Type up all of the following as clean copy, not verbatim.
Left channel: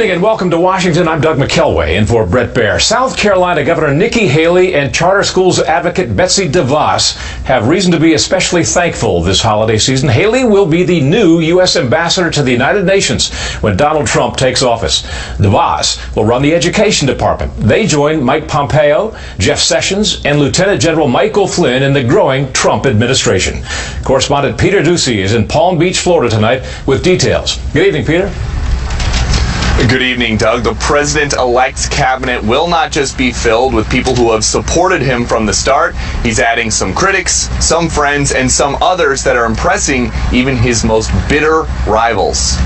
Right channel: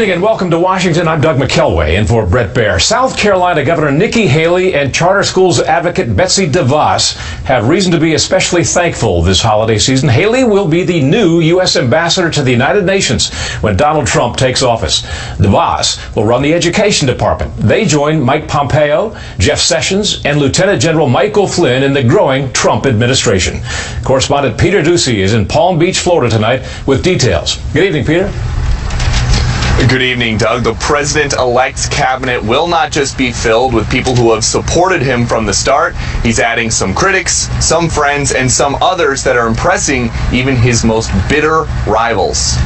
evening and welcome to Washington. I'm Doug McKelway in for Brett Baer. South Carolina Governor Nikki Haley and charter schools advocate Betsy DeVos have reason to be especially thankful this holiday season. Haley will be the new U.S. ambassador to the United Nations when Donald Trump takes office. DeVos will run the education department. They join Mike Pompeo, Jeff Sessions, and Lieutenant General Michael Flynn in the growing Trump administration. Correspondent Peter Ducey is in Palm Beach, Florida tonight with details. Good evening, Peter. Good evening, Doug. The president-elect's cabinet will not just be filled with people who have supported him from the start. He's adding some critics, some friends, and some others that are impressing even his most bitter rivals.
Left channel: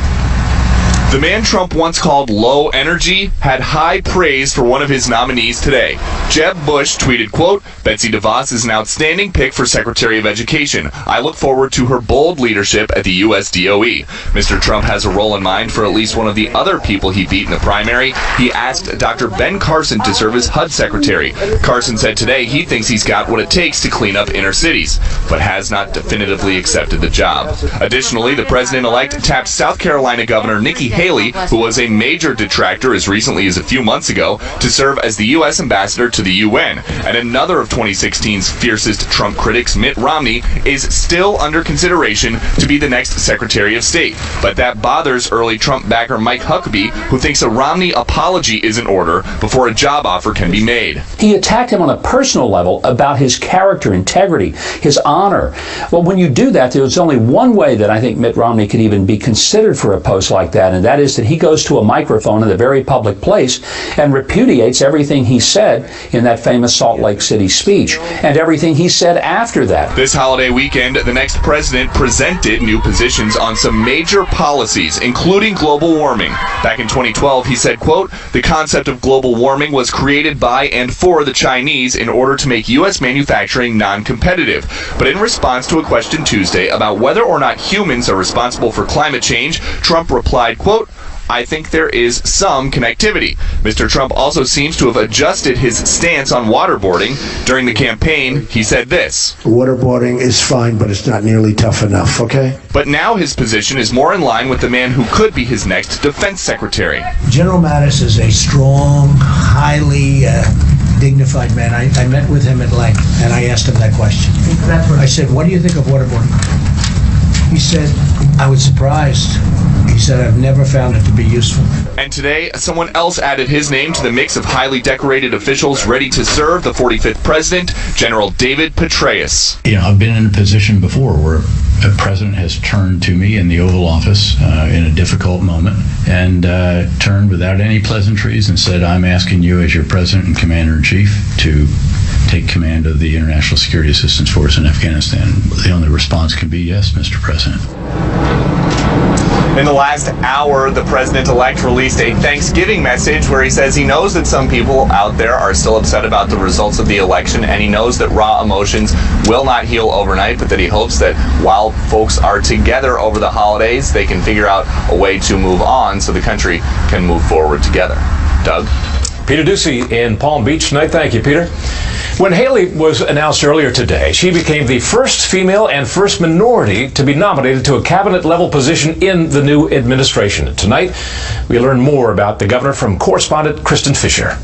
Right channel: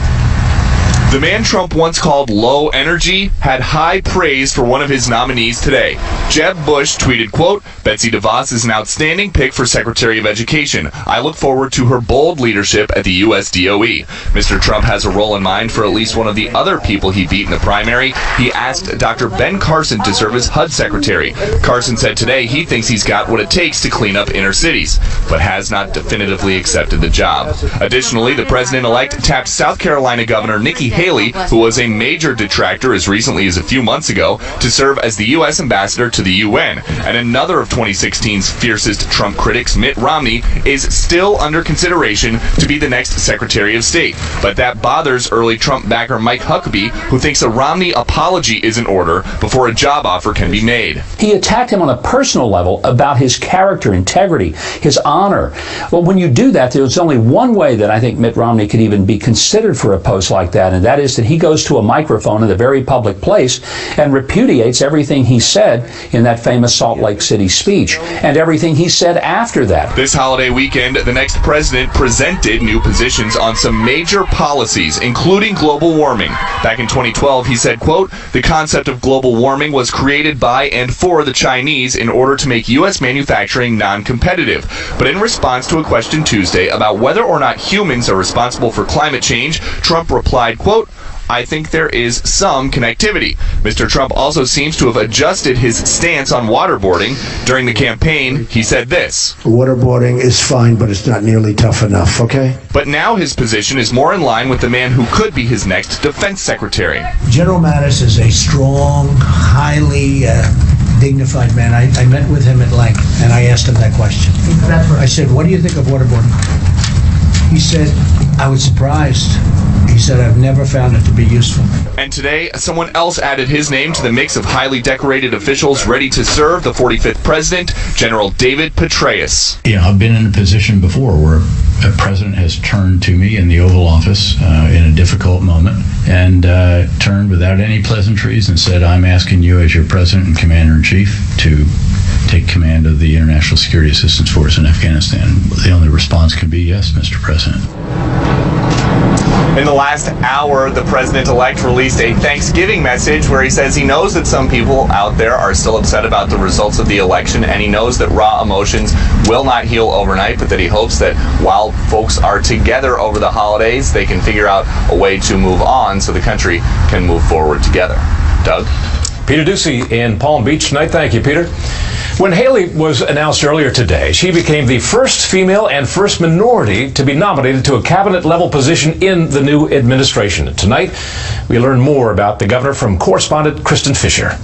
The man Trump once called low energy had high praise for one of his nominees today. Jeb Bush tweeted, quote, "Betsy DeVos is an outstanding pick for Secretary of Education. I look forward to her bold leadership at the U.S. DOE. Mr. Trump has a role in mind for at least one of the other people he beat in the primary. He asked Dr. Ben Carson to serve as HUD Secretary. Carson said today he thinks he's got what it takes to clean up inner cities, but has not definitively accepted the job." Additionally, the president-elect tapped South Carolina Governor Nikki Haley, who was a major detractor as recently as a few months ago, to serve as the U.S. ambassador to the UN. And another of 2016's fiercest Trump critics, Mitt Romney, is still under consideration to be the next Secretary of State. But that bothers early Trump backer Mike Huckabee, who thinks a Romney apology is in order before a job offer can be made. He attacked him on a personal level about his character, integrity, his honor. Well, when you do that, there's only one way that I think Mitt Romney could even be considered for a post like that, and that is that he goes to a microphone in a very public place and repudiates everything he said in that famous Salt Lake City speech and everything he said after that. This holiday weekend, the next president presented new positions on some major policies, including global warming. Back in 2012, he said, quote, "The concept of global warming was created by and for the Chinese in order to make U.S. manufacturing non-competitive." But in response to a question Tuesday about whether or not humans are responsible for climate change, Trump replied, quote, "I think there is some connectivity." Mr. Trump also seems to have adjusted his stance on waterboarding. During the campaign, he said this: "Waterboarding is fine, but it's not nearly tough enough, okay?" But now his position is more in line with the man who could be his next defense secretary. General Mattis is a strong, highly dignified man. I met with him at length, and I asked him that question. I said, "What do you think of waterboarding?" He said, "I was surprised." He said, "I've never found it to be useful." And today, someone else added his name to the mix of highly decorated officials ready to serve the 45th president, General David Petraeus. I've been in a position before where a president has turned to me in the Oval Office in a difficult moment and turned without any pleasantries and said, "I'm asking you as your president and commander-in-chief to take command of the International Security Assistance Force in Afghanistan." The only response can be, "Yes, Mr. President." In the last hour, the president-elect released a Thanksgiving message where he says he knows that some people out there are still upset about the results of the election, and he knows that raw emotions will not heal overnight, but that he hopes that while folks are together over the holidays, they can figure out a way to move on so the country can move forward together. Doug? Peter Ducey in Palm Beach tonight. Thank you, Peter. When Haley was announced earlier today, she became the first female and first minority to be nominated to a cabinet-level position in the new administration. Tonight, we learn more about the governor from correspondent Kristen Fisher.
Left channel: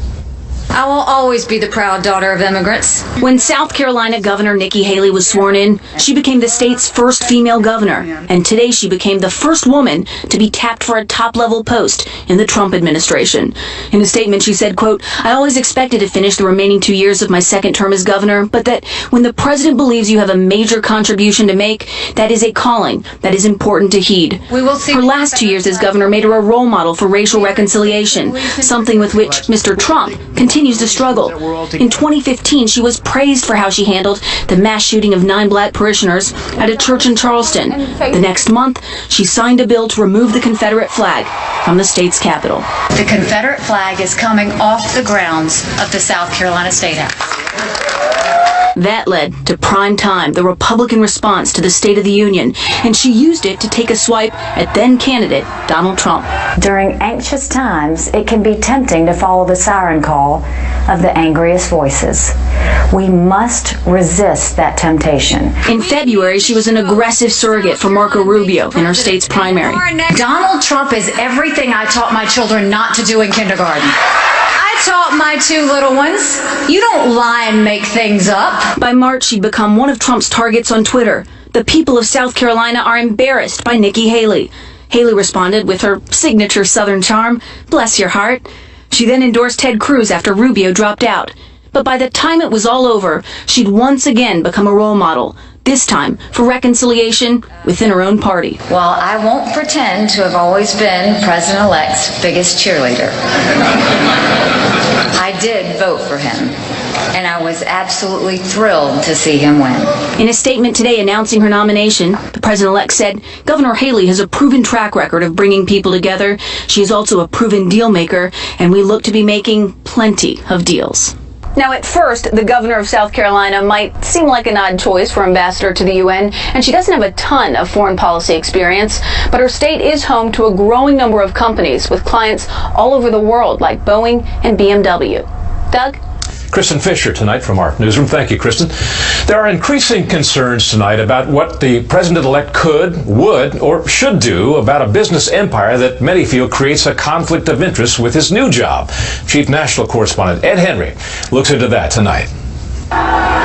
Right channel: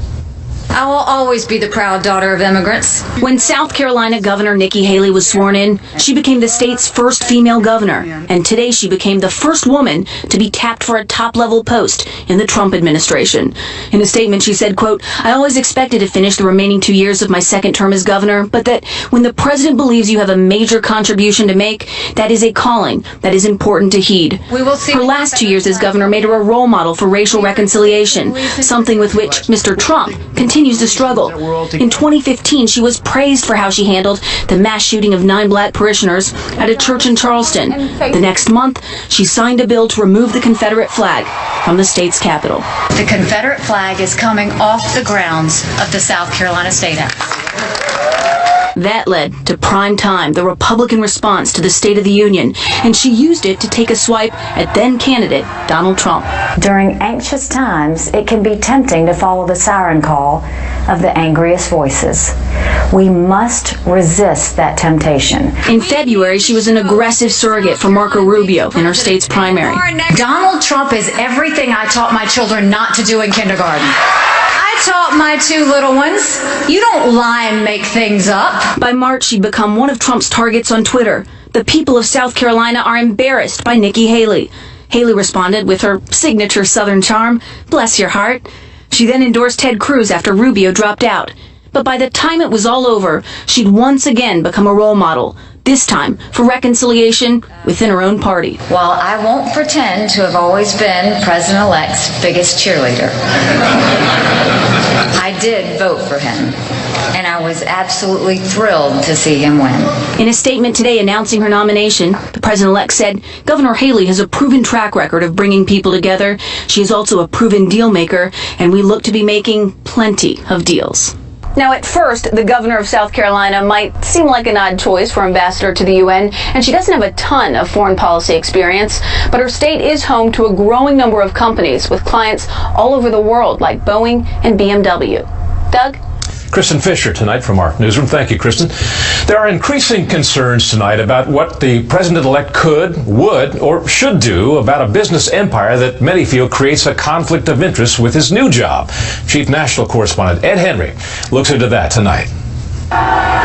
I will always be the proud daughter of immigrants. When South Carolina Governor Nikki Haley was sworn in, she became the state's first female governor. And today she became the first woman to be tapped for a top-level post in the Trump administration. In a statement, she said, quote, "I always expected to finish the remaining 2 years of my second term as governor, but that when the president believes you have a major contribution to make, that is a calling that is important to heed." We will see. Her last 2 years as governor made her a role model for racial reconciliation, something with which Mr. Trump continues to struggle. In 2015, she was praised for how she handled the mass shooting of 9 black parishioners at a church in Charleston. The next month, she signed a bill to remove the Confederate flag from the state's capital. The Confederate flag is coming off the grounds of the South Carolina State House. That led to Prime Time, the Republican response to the State of the Union, and she used it to take a swipe at then-candidate Donald Trump. During anxious times, it can be tempting to follow the siren call of the angriest voices. We must resist that temptation. In February, she was an aggressive surrogate for Marco Rubio in her state's primary. Donald Trump is everything I taught my children not to do in kindergarten. I taught my two little ones, you don't lie and make things up. By March, she'd become one of Trump's targets on Twitter. The people of South Carolina are embarrassed by Nikki Haley. Haley responded with her signature Southern charm, "Bless your heart." She then endorsed Ted Cruz after Rubio dropped out. But by the time it was all over, she'd once again become a role model, this time for reconciliation within her own party. While I won't pretend to have always been President-elect's biggest cheerleader, I did vote for him, and I was absolutely thrilled to see him win. In a statement today announcing her nomination, the president-elect said Governor Haley has a proven track record of bringing people together. She is also a proven deal maker, and we look to be making plenty of deals. Now, at first, the governor of South Carolina might seem like an odd choice for ambassador to the UN, and she doesn't have a ton of foreign policy experience, but her state is home to a growing number of companies with clients all over the world, like Boeing and BMW. Doug? Kristen Fisher tonight from our newsroom. Thank you, Kristen. There are increasing concerns tonight about what the president-elect could, would, or should do about a business empire that many feel creates a conflict of interest with his new job. Chief National Correspondent Ed Henry looks into that tonight.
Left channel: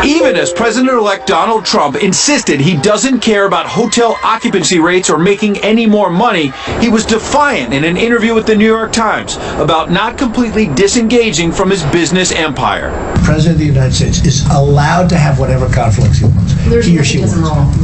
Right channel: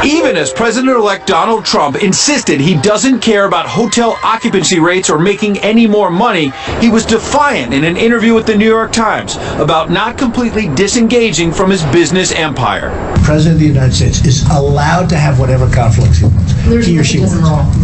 Even as President-elect Donald Trump insisted he doesn't care about hotel occupancy rates or making any more money, he was defiant in an interview with the New York Times about not completely disengaging from his business empire. The President of the United States is allowed to have whatever conflicts he wants, he or she wants.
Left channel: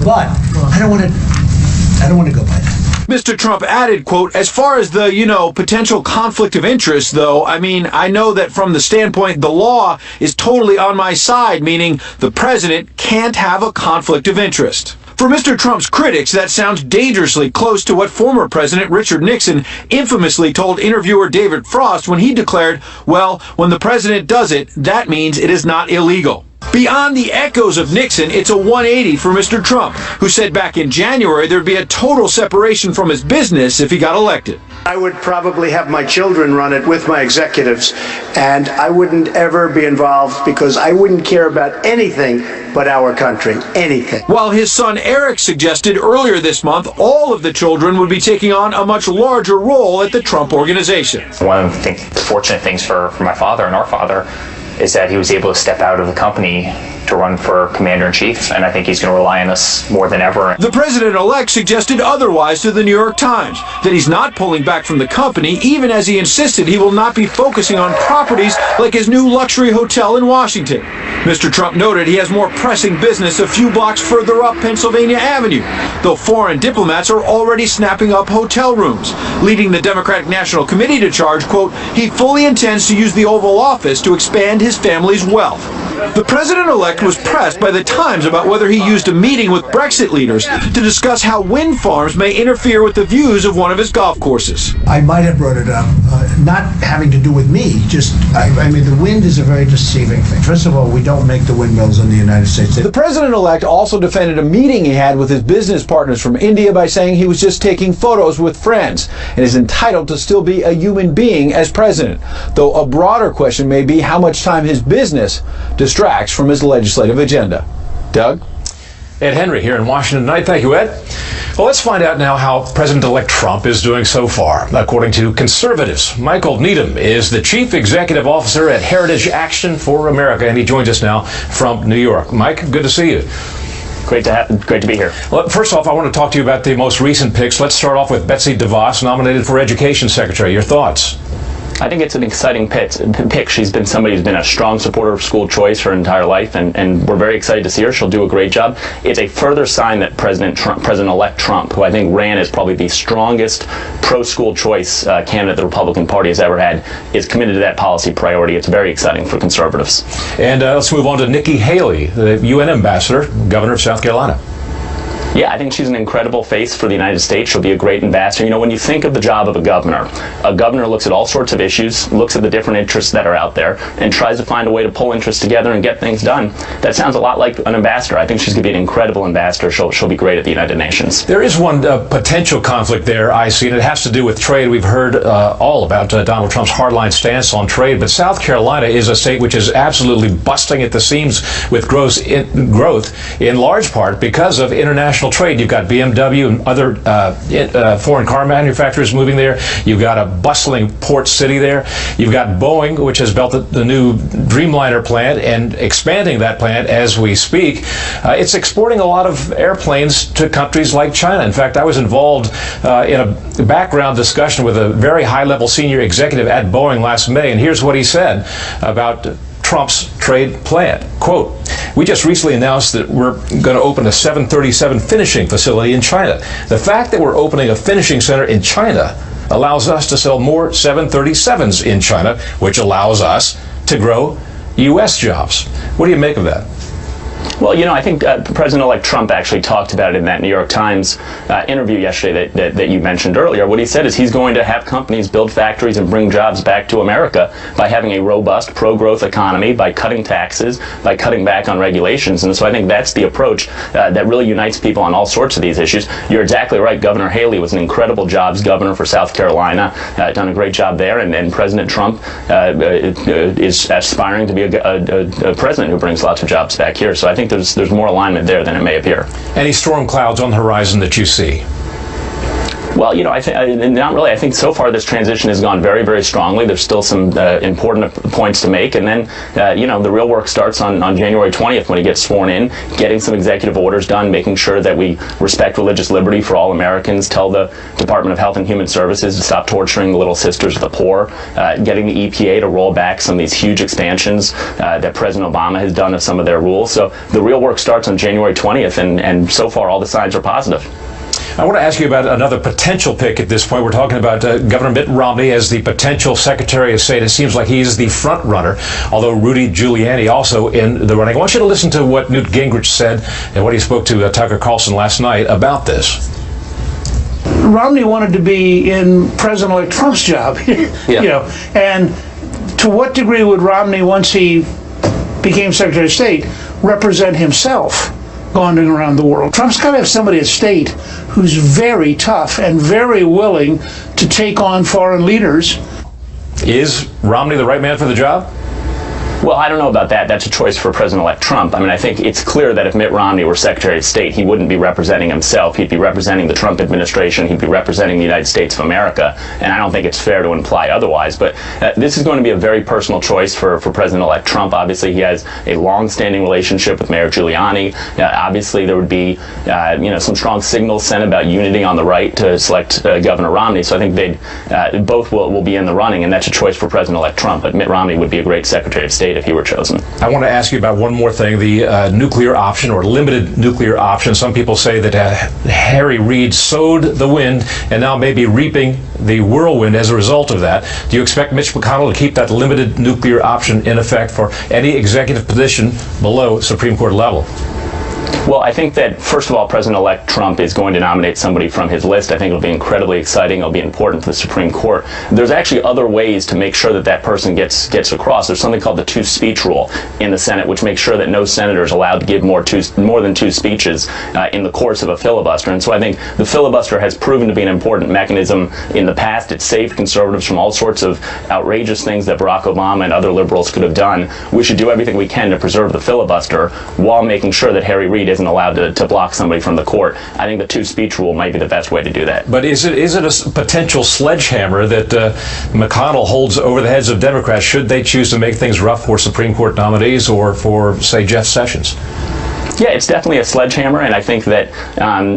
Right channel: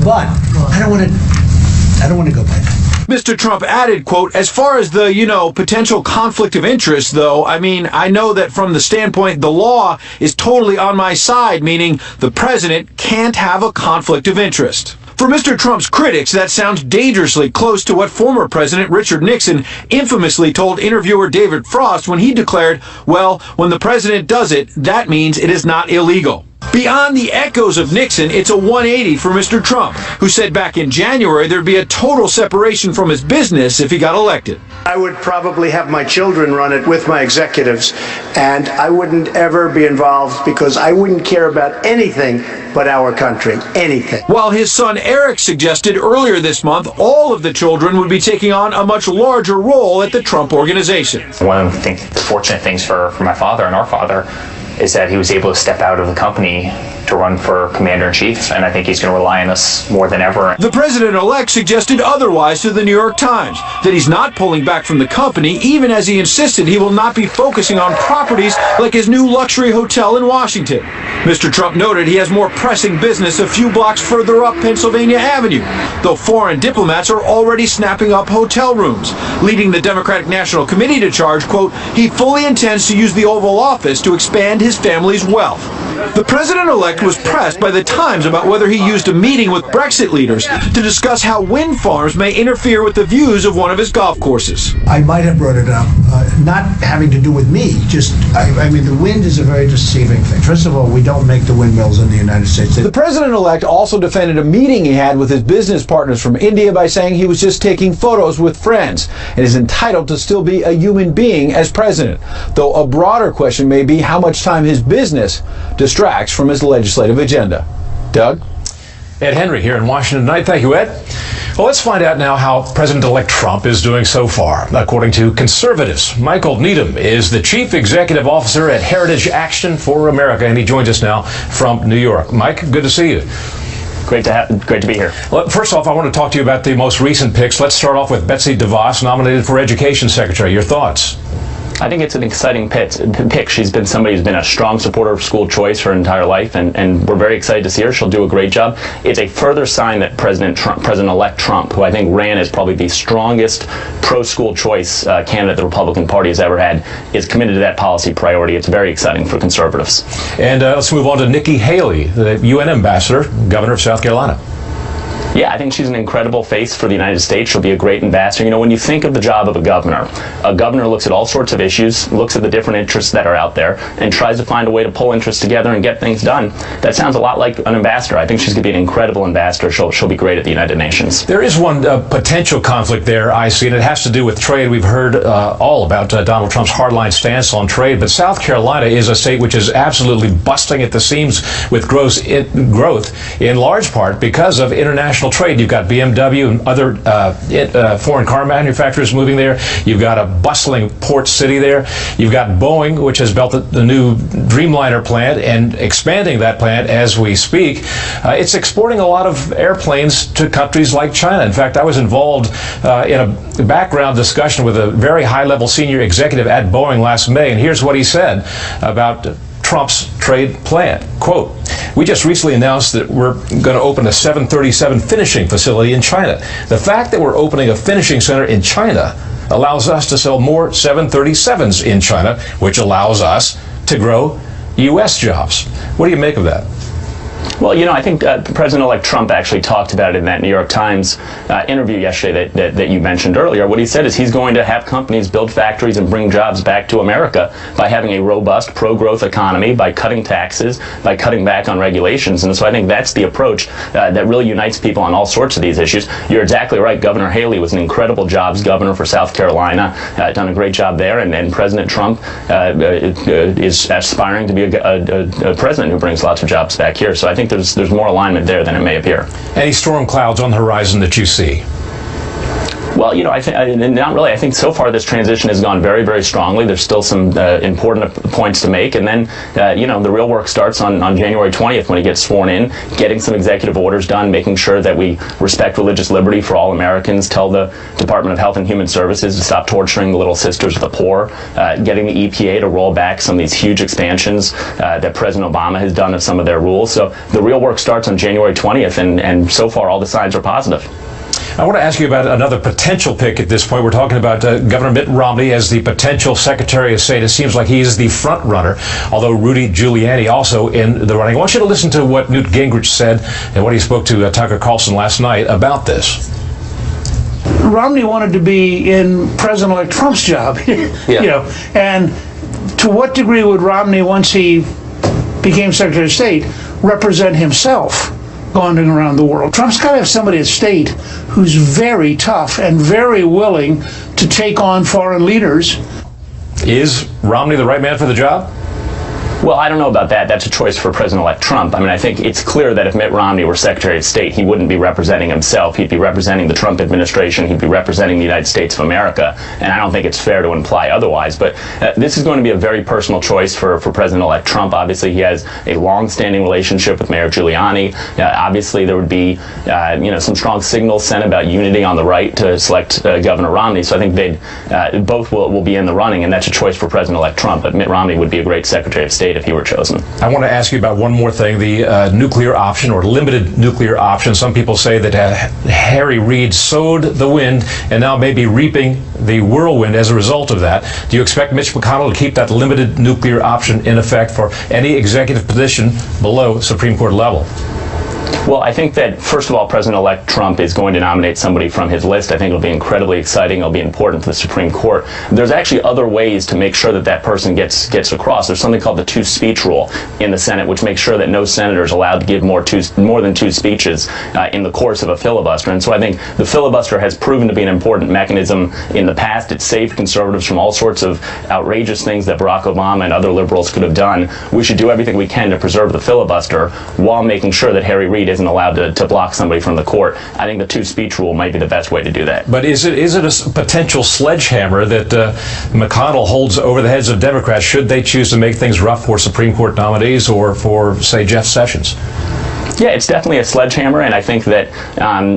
But I don't want to go by that. Mr. Trump added, quote, "As far as the, potential conflict of interest, though, I know that from the standpoint the law is totally on my side, meaning the president can't have a conflict of interest." For Mr. Trump's critics, that sounds dangerously close to what former President Richard Nixon infamously told interviewer David Frost when he declared, well, when the president does it, that means it is not illegal. Beyond the echoes of Nixon, it's a 180 for Mr. Trump, who said back in January there'd be a total separation from his business if he got elected. I would probably have my children run it with my executives, and I wouldn't ever be involved because I wouldn't care about anything but our country, anything. While his son Eric suggested earlier this month all of the children would be taking on a much larger role at the Trump Organization. One of the fortunate things for my father and our father is that he was able to step out of the company to run for commander-in-chief, and I think he's going to rely on us more than ever. The president-elect suggested otherwise to the New York Times, that he's not pulling back from the company, even as he insisted he will not be focusing on properties like his new luxury hotel in Washington. Mr. Trump noted he has more pressing business a few blocks further up Pennsylvania Avenue, though foreign diplomats are already snapping up hotel rooms, leading the Democratic National Committee to charge, quote, he fully intends to use the Oval Office to expand his family's wealth. The president-elect was pressed by the Times about whether he used a meeting with Brexit leaders to discuss how wind farms may interfere with the views of one of his golf courses. I might have brought it up, not having to do with me, the wind is a very deceiving thing. First of all, we don't make the windmills in the United States. The president-elect also defended a meeting he had with his business partners from India by saying he was just taking photos with friends and is entitled to still be a human being as president, though a broader question may be how much time his business distracts from his legislative agenda. Doug? Ed Henry here in Washington tonight. Thank you, Ed. Well, let's find out now how President-elect Trump is doing so far. According to conservatives, Michael Needham is the chief executive officer at Heritage Action for America, and he joins us now from New York. Mike, good to see you. Great to be here. Well, first off, I want to talk to you about the most recent picks. Let's start off with Betsy DeVos, nominated for Education Secretary. Your thoughts? I think it's an exciting pick. She's been somebody who's been a strong supporter of school choice her entire life, and we're very excited to see her. She'll do a great job. It's a further sign that President-elect Trump, who I think ran as probably the strongest pro-school choice candidate the Republican Party has ever had, is committed to that policy priority. It's very exciting for conservatives. And let's move on to Nikki Haley, the UN ambassador, governor of South Carolina. Yeah, I think she's an incredible face for the United States. She'll be a great ambassador. You know, when you think of the job of a governor looks at all sorts of issues, looks at the different interests that are out there, and tries to find a way to pull interests together and get things done. That sounds a lot like an ambassador. I think she's going to be an incredible ambassador. She'll be great at the United Nations. There is one potential conflict there, I see, and it has to do with trade. We've heard all about Donald Trump's hardline stance on trade, but South Carolina is a state which is absolutely busting at the seams with growth in large part because of international trade. You've got BMW and other foreign car manufacturers moving there. You've got a bustling port city there. You've got Boeing, which has built the new Dreamliner plant and expanding that plant as we speak. It's exporting a lot of airplanes to countries like China. In fact, I was involved in a background discussion with a very high-level senior executive at Boeing last May, and here's what he said about Trump's trade plan. Quote, "We just recently announced that we're going to open a 737 finishing facility in China. The fact that we're opening a finishing center in China allows us to sell more 737s in China, which allows us to grow U.S. jobs." What do you make of that? Well, you know, I think President-elect Trump actually talked about it in that New York Times interview yesterday that you mentioned earlier. What he said is he's going to have companies build factories and bring jobs back to America by having a robust pro-growth economy, by cutting taxes, by cutting back on regulations. And so I think that's the approach that really unites people on all sorts of these issues. You're exactly right. Governor Haley was an incredible jobs governor for South Carolina, done a great job there. And President Trump is aspiring to be a president who brings lots of jobs back here. So I think there's more alignment there than it may appear. Any storm clouds on the horizon that you see? Well, you know, I think not really. I think so far this transition has gone very, very strongly. There's still some important points to make, and then you know, the real work starts on January 20th when he gets sworn in, getting some executive orders done, making sure that we respect religious liberty for all Americans, tell the Department of Health and Human Services to stop torturing the little sisters of the poor, getting the EPA to roll back some of these huge expansions that President Obama has done of some of their rules. So the real work starts on January 20th, and so far all the signs are positive. I want to ask you about another potential pick at this point. We're talking about Governor Mitt Romney as the potential Secretary of State. It seems like he's the front runner, although Rudy Giuliani also in the running. I want you to listen to what Newt Gingrich said and what he spoke to Tucker Carlson last night about this. Romney wanted to be in President-elect Trump's job, you know, and to what degree would Romney, once he became Secretary of State, represent himself wandering around the world? Trump's got to have somebody at state who's very tough and very willing to take on foreign leaders. Is Romney the right man for the job? Well, I don't know about that. That's a choice for President-elect Trump. I mean, I think it's clear that if Mitt Romney were Secretary of State, he wouldn't be representing himself. He'd be representing the Trump administration. He'd be representing the United States of America. And I don't think it's fair to imply otherwise. But this is going to be a very personal choice for President-elect Trump. Obviously, he has a long-standing relationship with Mayor Giuliani. Obviously, there would be, you know, some strong signals sent about unity on the right to select Governor Romney. So I think they'd both will be in the running, and that's a choice for President-elect Trump. But Mitt Romney would be a great Secretary of State if he were chosen. I want to ask you about one more thing, the nuclear option or limited nuclear option. Some people say that Harry Reid sowed the wind and now may be reaping the whirlwind as a result of that. Do you expect Mitch McConnell to keep that limited nuclear option in effect for any executive position below Supreme Court level? Well, I think that, first of all, President-elect Trump is going to nominate somebody from his list. I think it'll be incredibly exciting. It'll be important for the Supreme Court. There's actually other ways to make sure that that person gets across. There's something called the two-speech rule in the Senate, which makes sure that no senator is allowed to give more than two speeches in the course of a filibuster. And so I think the filibuster has proven to be an important mechanism in the past. It saved conservatives from all sorts of outrageous things that Barack Obama and other liberals could have done. We should do everything we can to preserve the filibuster while making sure that Harry Reid isn't allowed to block somebody from the court. I think the two-speech rule might be the best way to do that. But is it a potential sledgehammer that McConnell holds over the heads of Democrats should they choose to make things rough for Supreme Court nominees or for, say, Jeff Sessions? Yeah, it's definitely a sledgehammer, and I think that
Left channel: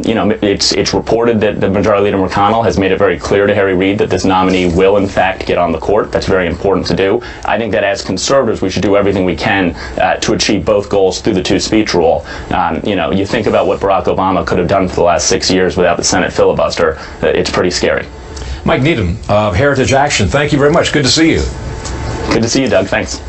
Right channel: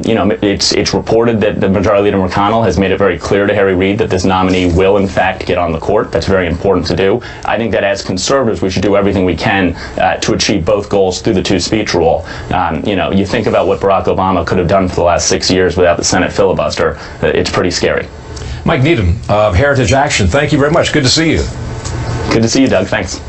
you know, it's reported that the Majority Leader McConnell has made it very clear to Harry Reid that this nominee will, in fact, get on the court. That's very important to do. I think that as conservatives, we should do everything we can to achieve both goals through the two-speech rule. You know, you think about what Barack Obama could have done for the last 6 years without the Senate filibuster. It's pretty scary. Mike Needham of Heritage Action, thank you very much. Good to see you. Good to see you, Doug. Thanks.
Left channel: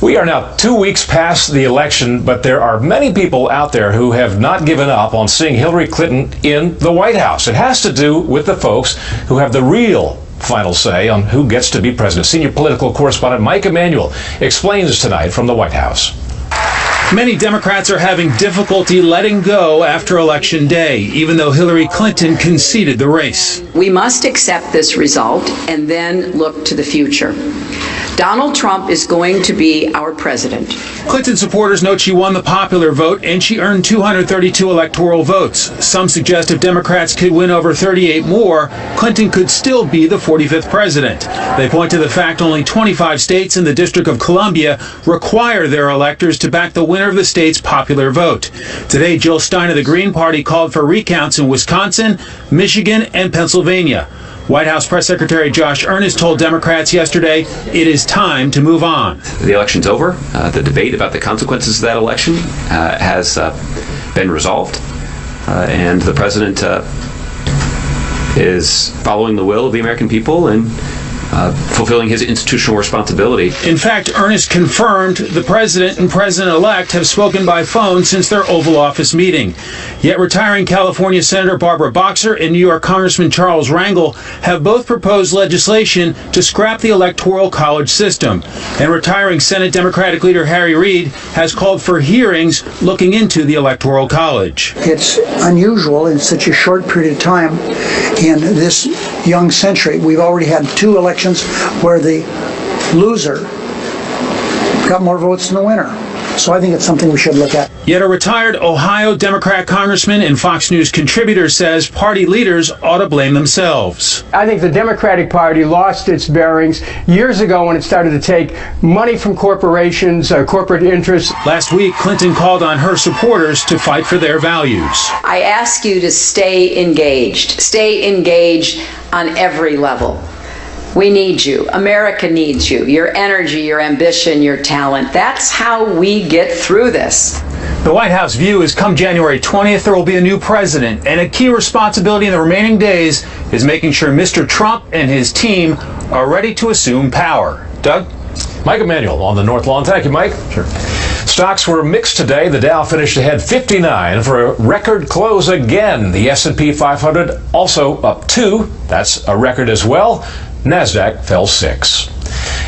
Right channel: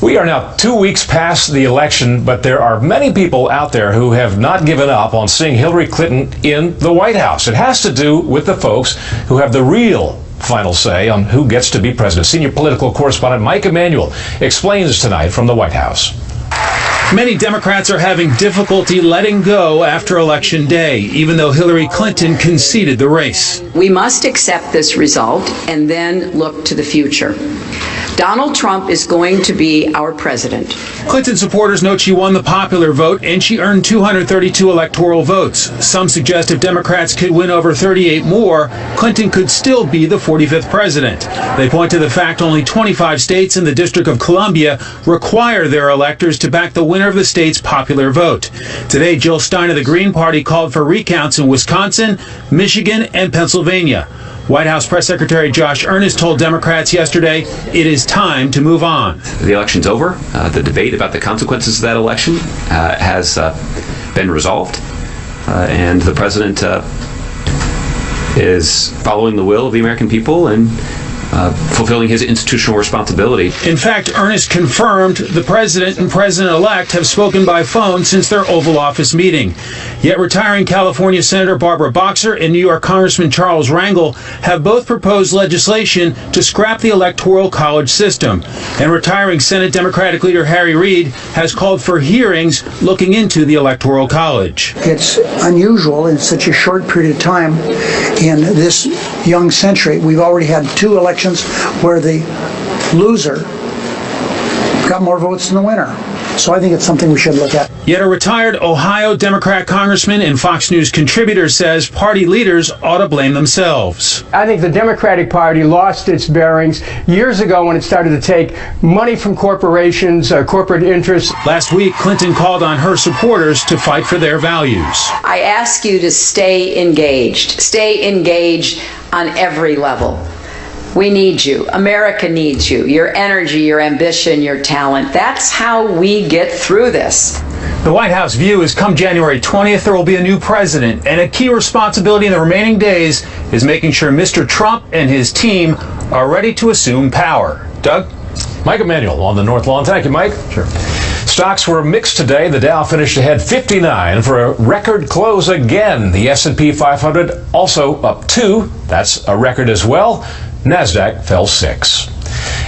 We are now 2 weeks past the election, but there are many people out there who have not given up on seeing Hillary Clinton in the White House. It has to do with the folks who have the real final say on who gets to be president. Senior political correspondent Mike Emanuel explains tonight from the White House. Many Democrats are having difficulty letting go after Election Day, even though Hillary Clinton conceded the race. We must accept this result and then look to the future. Donald Trump is going to be our president. Clinton supporters note she won the popular vote and she earned 232 electoral votes. Some suggest if Democrats could win over 38 more, Clinton could still be the 45th president. They point to the fact only 25 states and the District of Columbia require their electors to back the winner of the state's popular vote. Today, Jill Stein of the Green Party called for recounts in Wisconsin, Michigan, and Pennsylvania. White House Press Secretary Josh Earnest told Democrats yesterday it is time to move on. The election's over. The debate about the consequences of that election has been resolved, and the president is following the will of the American people and fulfilling his institutional responsibility. In fact, Earnest confirmed the president and president-elect have spoken by phone since their Oval Office meeting. Yet retiring California Senator Barbara Boxer and New York Congressman Charles Rangel have both proposed legislation to scrap the Electoral College system. And retiring Senate Democratic leader Harry Reid has called for hearings looking into the Electoral College. It's unusual in such a short period of time in this young century. We've already had 2 elections where the loser got more votes than the winner. So I think it's something we should look at. Yet a retired Ohio Democrat congressman and Fox News contributor says party leaders ought to blame themselves. I think the Democratic Party lost its bearings years ago when it started to take money from corporations, corporate interests. Last week, Clinton called on her supporters to fight for their values. I ask you to stay engaged on every level. We need you. America needs you. Your energy, your ambition, your talent. That's how we get through this. The White House view is come January 20th, there will be a new president, and a key responsibility in the remaining days is making sure Mr. Trump and his team are ready to assume power. Doug? Mike Emanuel on the North Lawn. Thank you, Mike. Sure. Stocks were mixed today. The Dow finished ahead 59 for a record close again. The S&P 500 also up 2. That's a record as well. NASDAQ fell 6.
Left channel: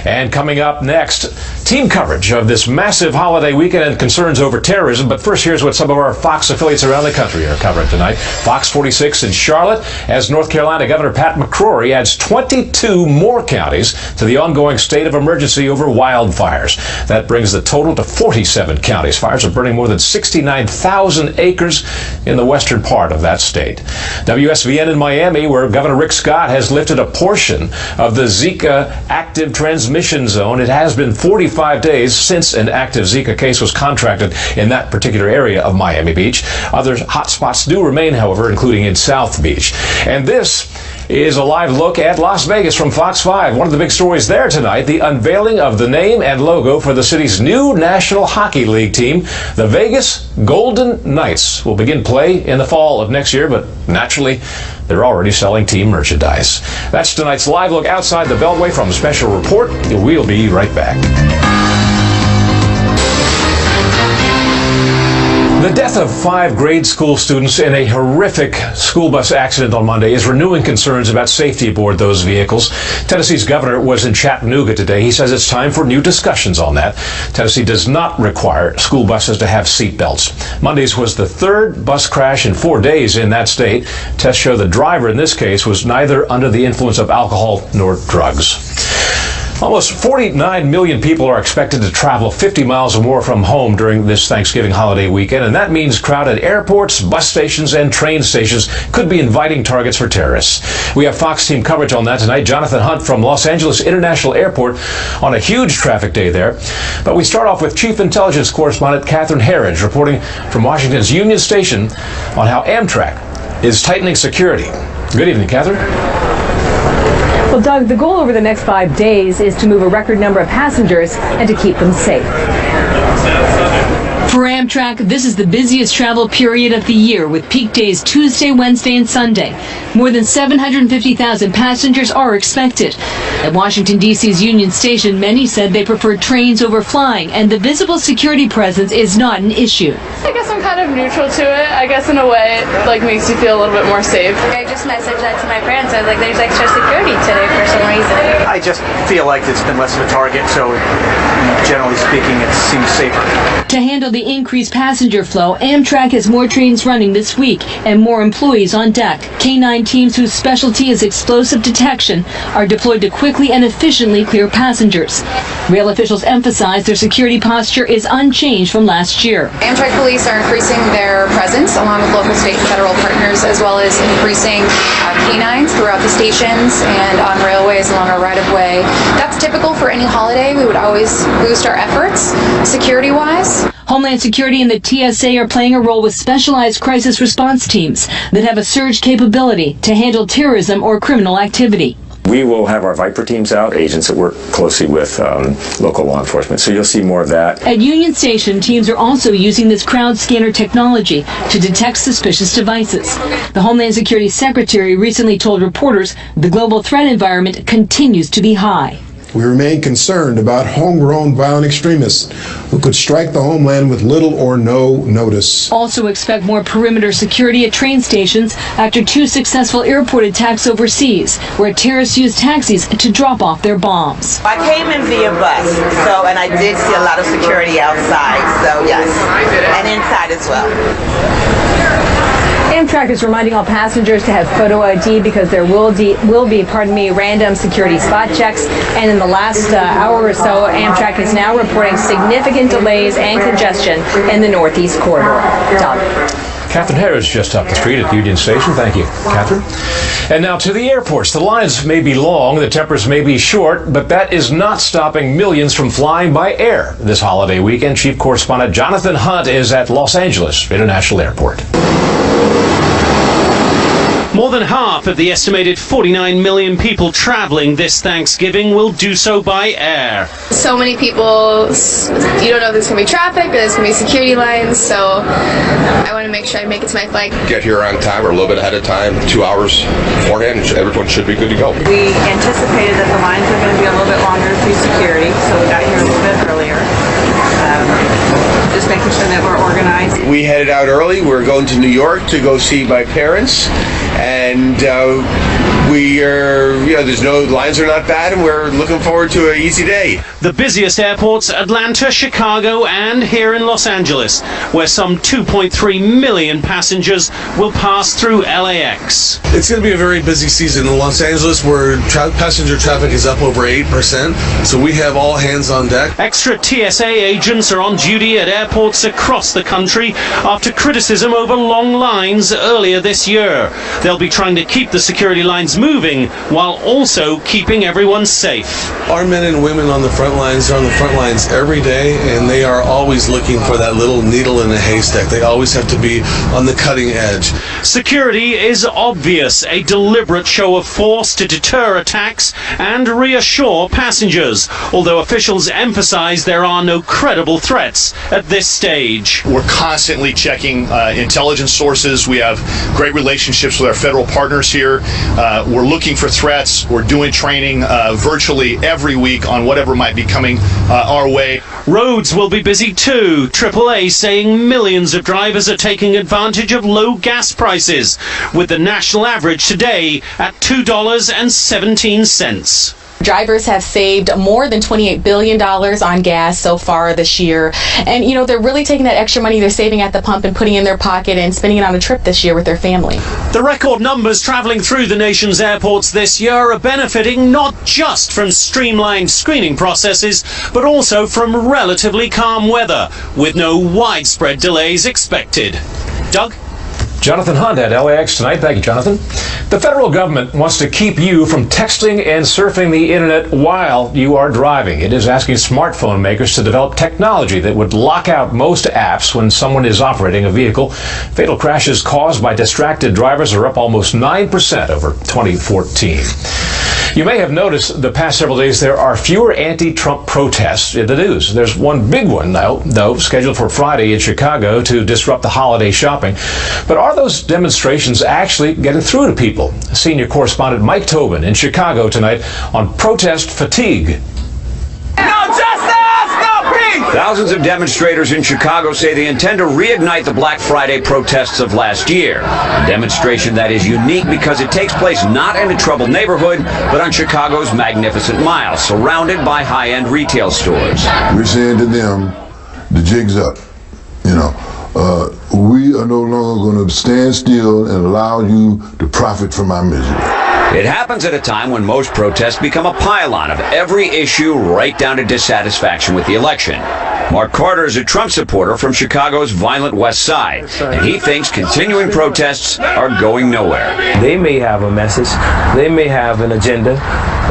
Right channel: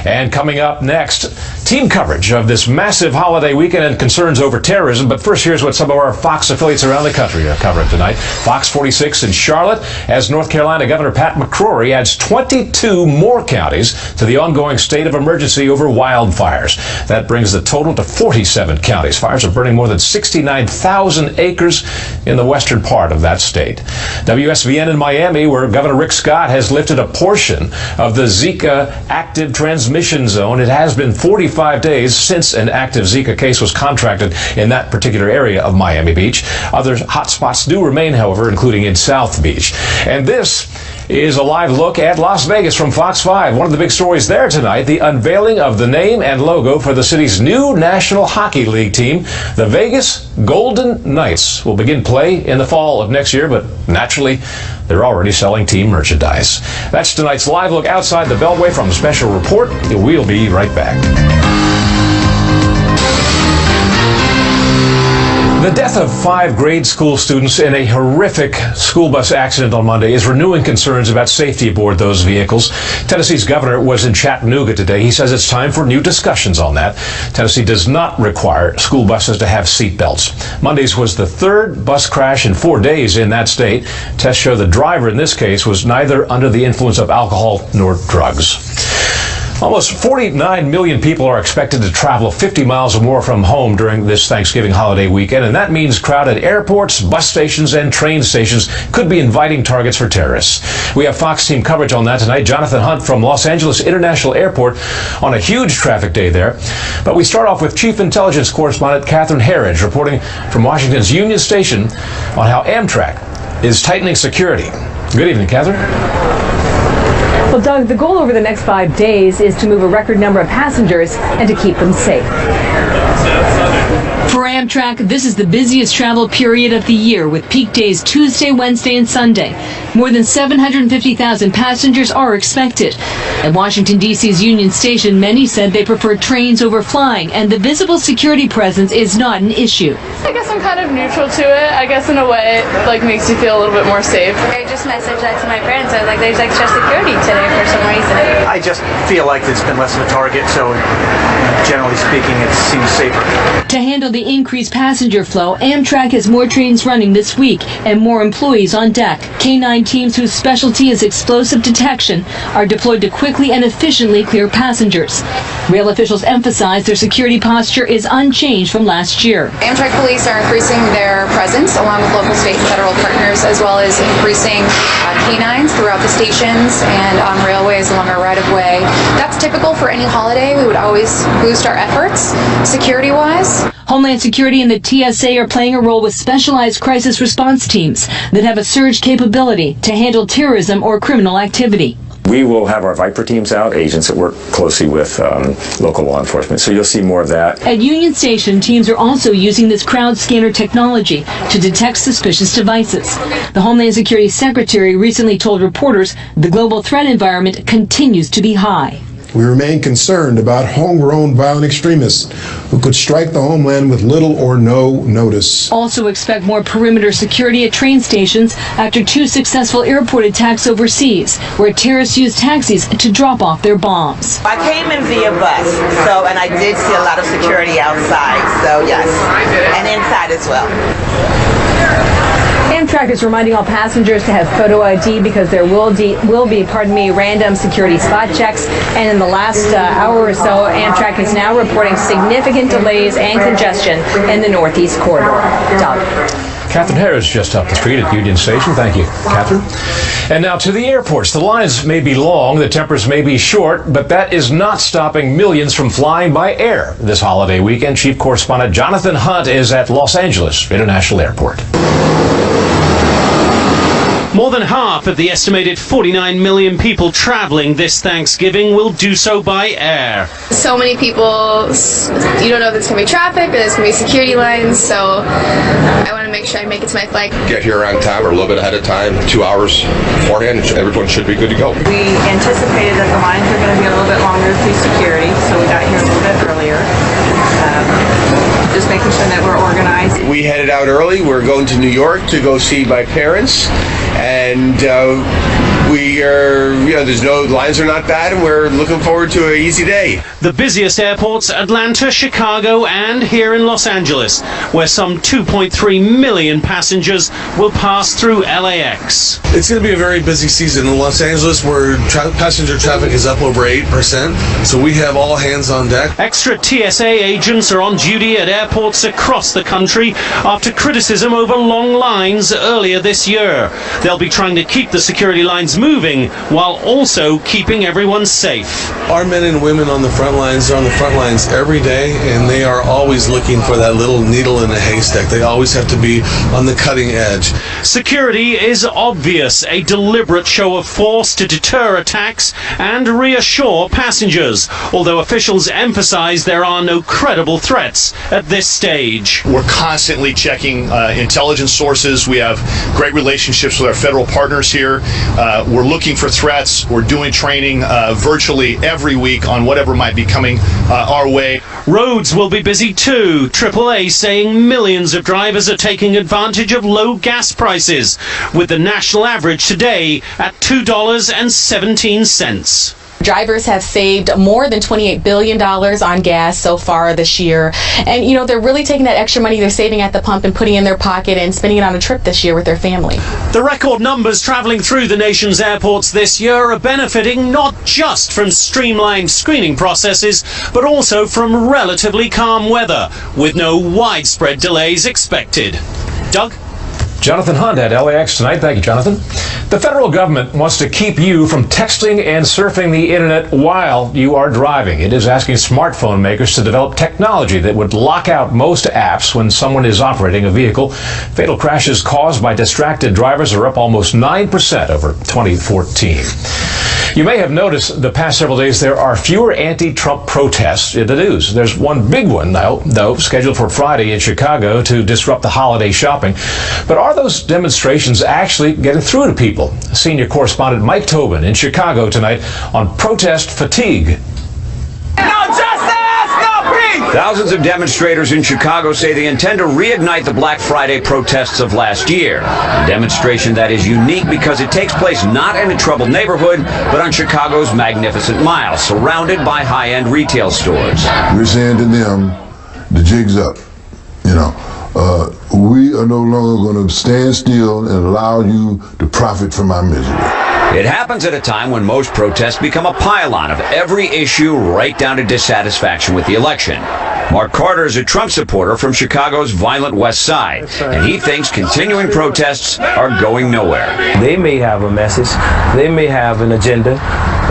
And coming up next, team coverage of this massive holiday weekend and concerns over terrorism. But first, here's what some of our Fox affiliates around the country are covering tonight. Fox 46 in Charlotte, as North Carolina Governor Pat McCrory adds 22 more counties to the ongoing state of emergency over wildfires. That brings the total to 47 counties. Fires are burning more than 69,000 acres in the western part of that state. WSVN in Miami, where Governor Rick Scott has lifted a portion of the Zika active transmission zone. It has been 45 days since an active Zika case was contracted in that particular area of Miami Beach. Other hot spots do remain, however, including in South Beach. And this is a live look at Las Vegas from Fox 5. One of the big stories there tonight, the unveiling of the name and logo for the city's new National Hockey League team. The Vegas Golden Knights will begin play in the fall of next year, but naturally, they're already selling team merchandise. That's tonight's live look outside the Beltway from a special report. We'll be right back. The death of 5 grade school students in a horrific school bus accident on Monday is renewing concerns about safety aboard those vehicles. Tennessee's governor was in Chattanooga today. He says it's time for new discussions on that. Tennessee does not require school buses to have seat belts. Monday's was the 3rd bus crash in 4 days in that state. Tests show the driver in this case was neither under the influence of alcohol nor drugs. Almost 49 million people are expected to travel 50 miles or more from home during this Thanksgiving holiday weekend, and that means crowded airports, bus stations, and train stations could be inviting targets for terrorists. We have Fox team coverage on that tonight. Jonathan Hunt from Los Angeles International Airport on a huge traffic day there. But we start off with Chief Intelligence Correspondent Catherine Herridge reporting from Washington's Union Station on how Amtrak is tightening security. Good evening, Catherine. Well, Doug, the goal over the next 5 days is to move a record number of passengers and to keep them safe. For Amtrak, this is the busiest travel period of the year, with peak days Tuesday, Wednesday, and Sunday. More than 750,000 passengers are expected. At Washington, D.C.'s Union Station, many said they prefer trains over flying, and the visible security presence is not an issue. I guess I'm kind of neutral to it. I guess in a way it makes you feel a little bit more safe. I just messaged that to my parents. I was like, there's extra security today for some reason. I just feel like it's been less of a target, so generally speaking, it seems safer. To handle the increased passenger flow, Amtrak has more trains running this week and more employees on deck. K-9 teams whose specialty is explosive detection are deployed to quickly and efficiently clear passengers. Rail officials emphasize their security posture is unchanged from last year. Amtrak police are increasing their presence along with local, state, and federal partners, as well as increasing K-9s throughout the stations and on railways along our right-of-way. That's typical for any holiday. We would always boost our efforts security-wise. Homeland Security and the TSA are playing a role with specialized crisis response teams that have a surge capability to handle terrorism or criminal activity. We will have our Viper teams out, agents that work closely with local law enforcement. So you'll see more of that. At Union Station, teams are also using this crowd scanner technology to detect suspicious devices. The Homeland Security Secretary recently told reporters the global threat environment continues to be high. We remain concerned about homegrown violent extremists who could strike the homeland with little or no notice. Also expect more perimeter security at train stations after 2 successful airport attacks overseas, where terrorists used taxis to drop off their bombs. I came in via bus, and I did see a lot of security outside, so yes, and inside as well. Amtrak is reminding all passengers to have photo ID because there will be random security spot checks. And in the last hour or so, Amtrak is now reporting significant delays and congestion in the Northeast Corridor. Catherine Harris just up the street at Union Station. Thank you, Catherine. And now to the airports. The lines may be long, the tempers may be short, but that is not stopping millions from flying by air this holiday weekend. Chief correspondent Jonathan Hunt is at Los Angeles International Airport. More than half of the estimated 49 million people traveling this Thanksgiving will do so by air. So many people, you don't know if there's going to be traffic or there's going to be security lines, so I want to make sure I make it to my flight. Get here on time or a little bit ahead of time, 2 hours beforehand, everyone should be good to go. We anticipated that the lines were going to be a little bit longer through security, so we got here a little bit earlier. Just making sure that we're organized. We headed out early. We're going to New York to go see my parents, and the lines are not bad, and we're looking forward to an easy day. The busiest airports, Atlanta, Chicago, and here in Los Angeles, where some 2.3 million passengers will pass through LAX. It's going to be a very busy season in Los Angeles, where passenger traffic is up over 8%, so we have all hands on deck. Extra TSA agents are on duty at airports across the country after criticism over long lines earlier this year. They'll be trying to keep the security lines moving while also keeping everyone safe. Our men and women on the front lines are on the front lines every day, and they are always looking for that little needle in a haystack. They always have to be on the cutting edge. Security is obvious, a deliberate show of force to deter attacks and reassure passengers, although officials emphasize there are no credible threats at this stage. We're constantly checking intelligence sources. We have great relationships with our federal partners here. We're looking for threats. We're doing training virtually every week on whatever might be coming our way. Roads will be busy too. AAA saying millions of drivers are taking advantage of low gas prices, with the national average today at $2.17. Drivers have saved more than $28 billion on gas so far this year. And, they're really taking that extra money they're saving at the pump and putting it in their pocket and spending it on a trip this year with their family. The record numbers traveling through the nation's airports this year are benefiting not just from streamlined screening processes, but also from relatively calm weather, with no widespread delays expected. Doug? Jonathan Hunt at LAX tonight. Thank you, Jonathan. The federal government wants to keep you from texting and surfing the internet while you are driving. It is asking smartphone makers to develop technology that would lock out most apps when someone is operating a vehicle. Fatal crashes caused by distracted drivers are up almost 9% over 2014. You may have noticed the past several days there are fewer anti-Trump protests in the news. There's one big one, though, scheduled for Friday in Chicago to disrupt the holiday shopping. But are those demonstrations actually getting through to people? Senior correspondent Mike Tobin in Chicago tonight on protest fatigue. No justice, no peace! Thousands of demonstrators in Chicago say they intend to reignite the Black Friday protests of last year. A demonstration that is unique because it takes place not in a troubled neighborhood, but on Chicago's Magnificent Mile, surrounded by high-end retail stores. We're saying to them, the jig's up. You know, we are no longer going to stand still and allow you to profit from our misery. It happens at a time when most protests become a pile-on of every issue right down to dissatisfaction with the election. Mark Carter is a Trump supporter from Chicago's violent West Side, and he thinks continuing protests are going nowhere. They may have a message, they may have an agenda,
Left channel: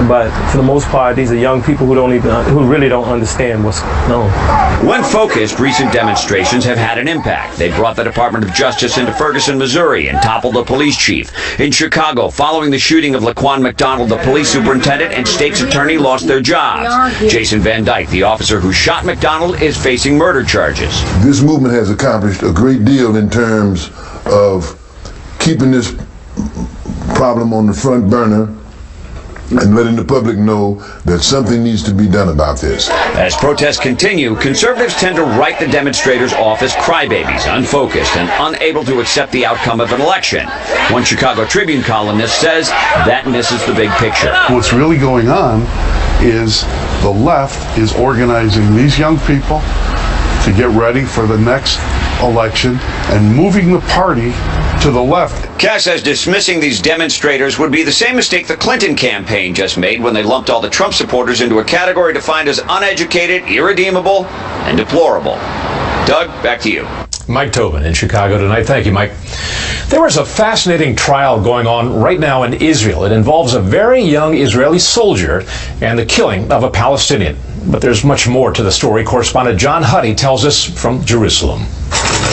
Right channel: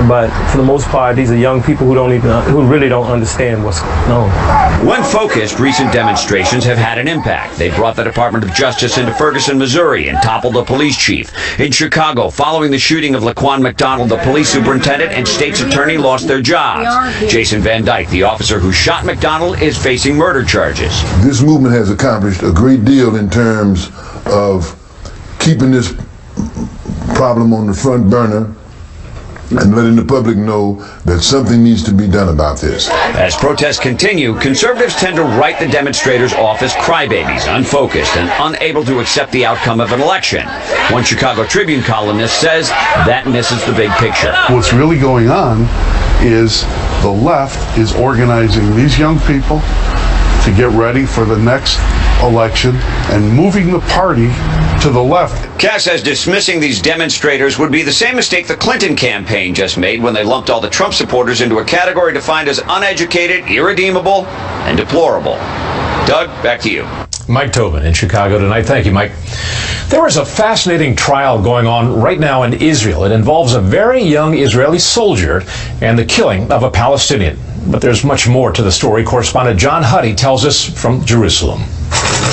but for the most part, these are young people who really don't understand what's going on. When focused, recent demonstrations have had an impact. They brought the Department of Justice into Ferguson, Missouri, and toppled the police chief. In Chicago, following the shooting of Laquan McDonald, the police superintendent and state's attorney lost their jobs. Jason Van Dyke, the officer who shot McDonald, is facing murder charges. This movement has accomplished a great deal in terms of keeping this problem on the front burner and letting the public know that something needs to be done about this. As protests continue, conservatives tend to write the demonstrators off as crybabies, unfocused, and unable to accept the outcome of an election. One Chicago Tribune columnist says that misses the big picture. What's really going on is the left is organizing these young people to get ready for the next election and moving the party to the left. Cass says dismissing these demonstrators would be the same mistake the Clinton campaign just made when they lumped all the Trump supporters into a category defined as uneducated, irredeemable, and deplorable. Doug, back to you. Mike Tobin in Chicago tonight. Thank you, Mike. There is a fascinating trial going on right now in Israel. It involves a very young Israeli soldier and the killing of a Palestinian. But there's much more to the story. Correspondent John Huddy tells us from Jerusalem.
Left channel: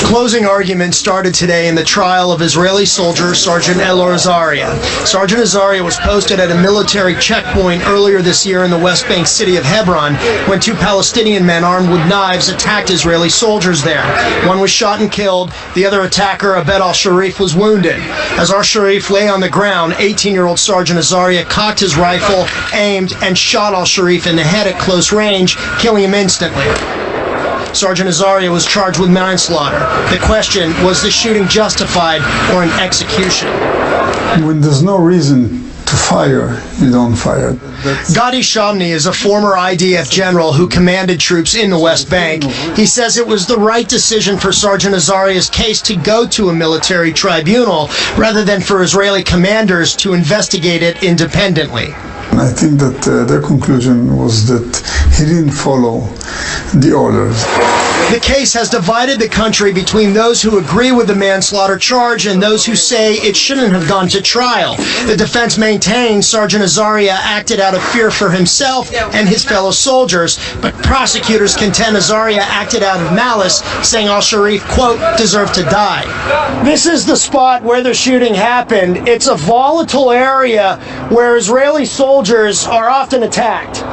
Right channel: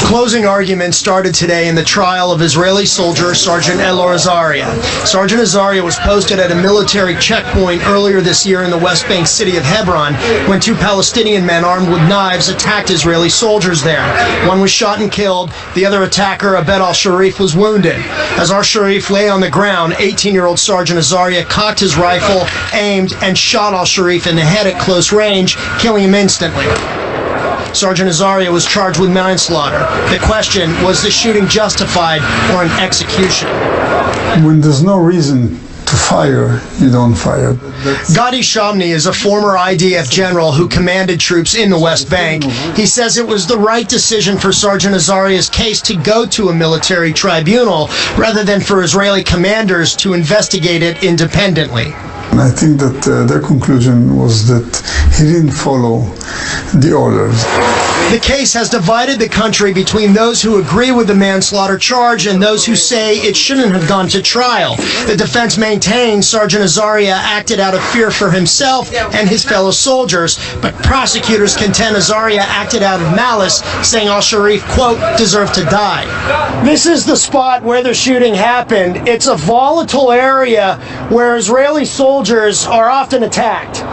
Closing arguments started today in the trial of Israeli soldier Sergeant Elor Azaria. Sergeant Azaria was posted at a military checkpoint earlier this year in the West Bank city of Hebron when two Palestinian men armed with knives attacked Israeli soldiers there. One was shot and killed. The other attacker, Abed al-Sharif, was wounded. As al-Sharif lay on the ground, 18-year-old Sergeant Azaria cocked his rifle, aimed, and shot al-Sharif in the head at close range, killing him instantly. Sergeant Azaria was charged with manslaughter. The question, was the shooting justified or an execution? When there's no reason to fire, you don't fire. Gadi Shamni is a former IDF general who commanded troops in the West Bank. He says it was the right decision for Sergeant Azaria's case to go to a military tribunal rather than for Israeli commanders to investigate it independently. And I think that their conclusion was that he didn't follow the orders. The case has divided the country between those who agree with the manslaughter charge and those who say it shouldn't have gone to trial. The defense maintains Sergeant Azaria acted out of fear for himself and his fellow soldiers, but prosecutors contend Azaria acted out of malice, saying al-Sharif, quote, deserved to die. This is the spot where the shooting happened. It's a volatile area where Israeli soldiers are often attacked.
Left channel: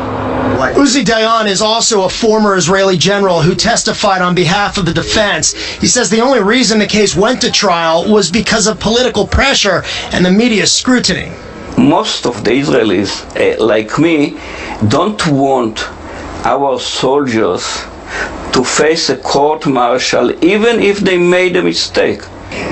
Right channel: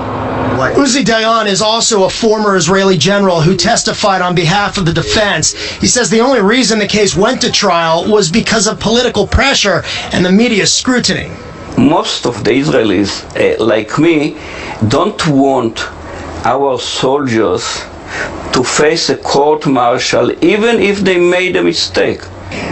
Uzi Dayan is also a former Israeli general who testified on behalf of the defense. He says the only reason the case went to trial was because of political pressure and the media's scrutiny. Most of the Israelis, like me, don't want our soldiers to face a court-martial even if they made a mistake.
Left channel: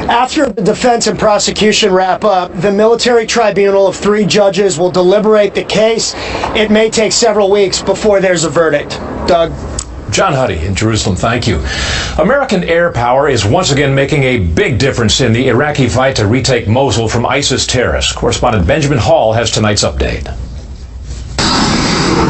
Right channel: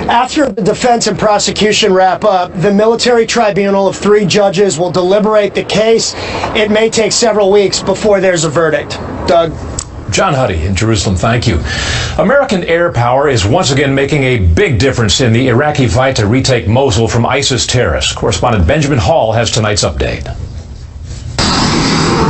After the defense and prosecution wrap up, the military tribunal of 3 judges will deliberate the case. It may take several weeks before there's a verdict. Doug? John Huddy in Jerusalem, thank you. American air power is once again making a big difference in the Iraqi fight to retake Mosul from ISIS terrorists. Correspondent Benjamin Hall has tonight's update.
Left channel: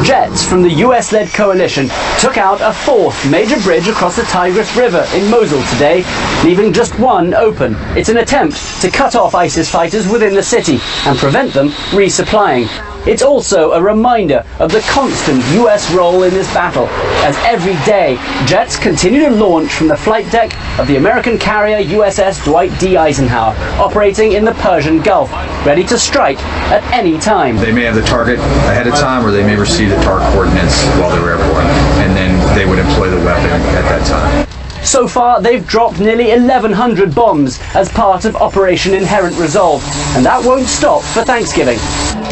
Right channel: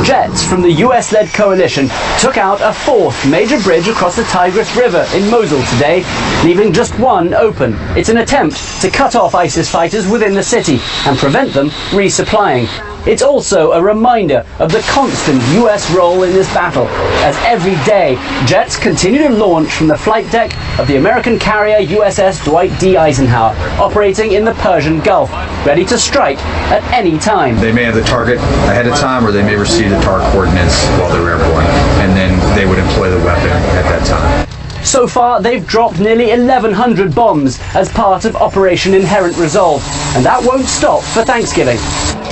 Jets from the US-led coalition took out a 4th major bridge across the Tigris River in Mosul today, leaving just one open. It's an attempt to cut off ISIS fighters within the city and prevent them resupplying. it's also a reminder of the constant US role in this battle, as every day jets continue to launch from the flight deck of the American carrier USS Dwight D. Eisenhower, operating in the Persian Gulf, ready to strike at any time. They may have the target ahead of time, or they may receive the target coordinates while they're airborne, and then they would employ the weapon at that time. So far, they've dropped nearly 1,100 bombs as part of Operation Inherent Resolve, and that won't stop for Thanksgiving.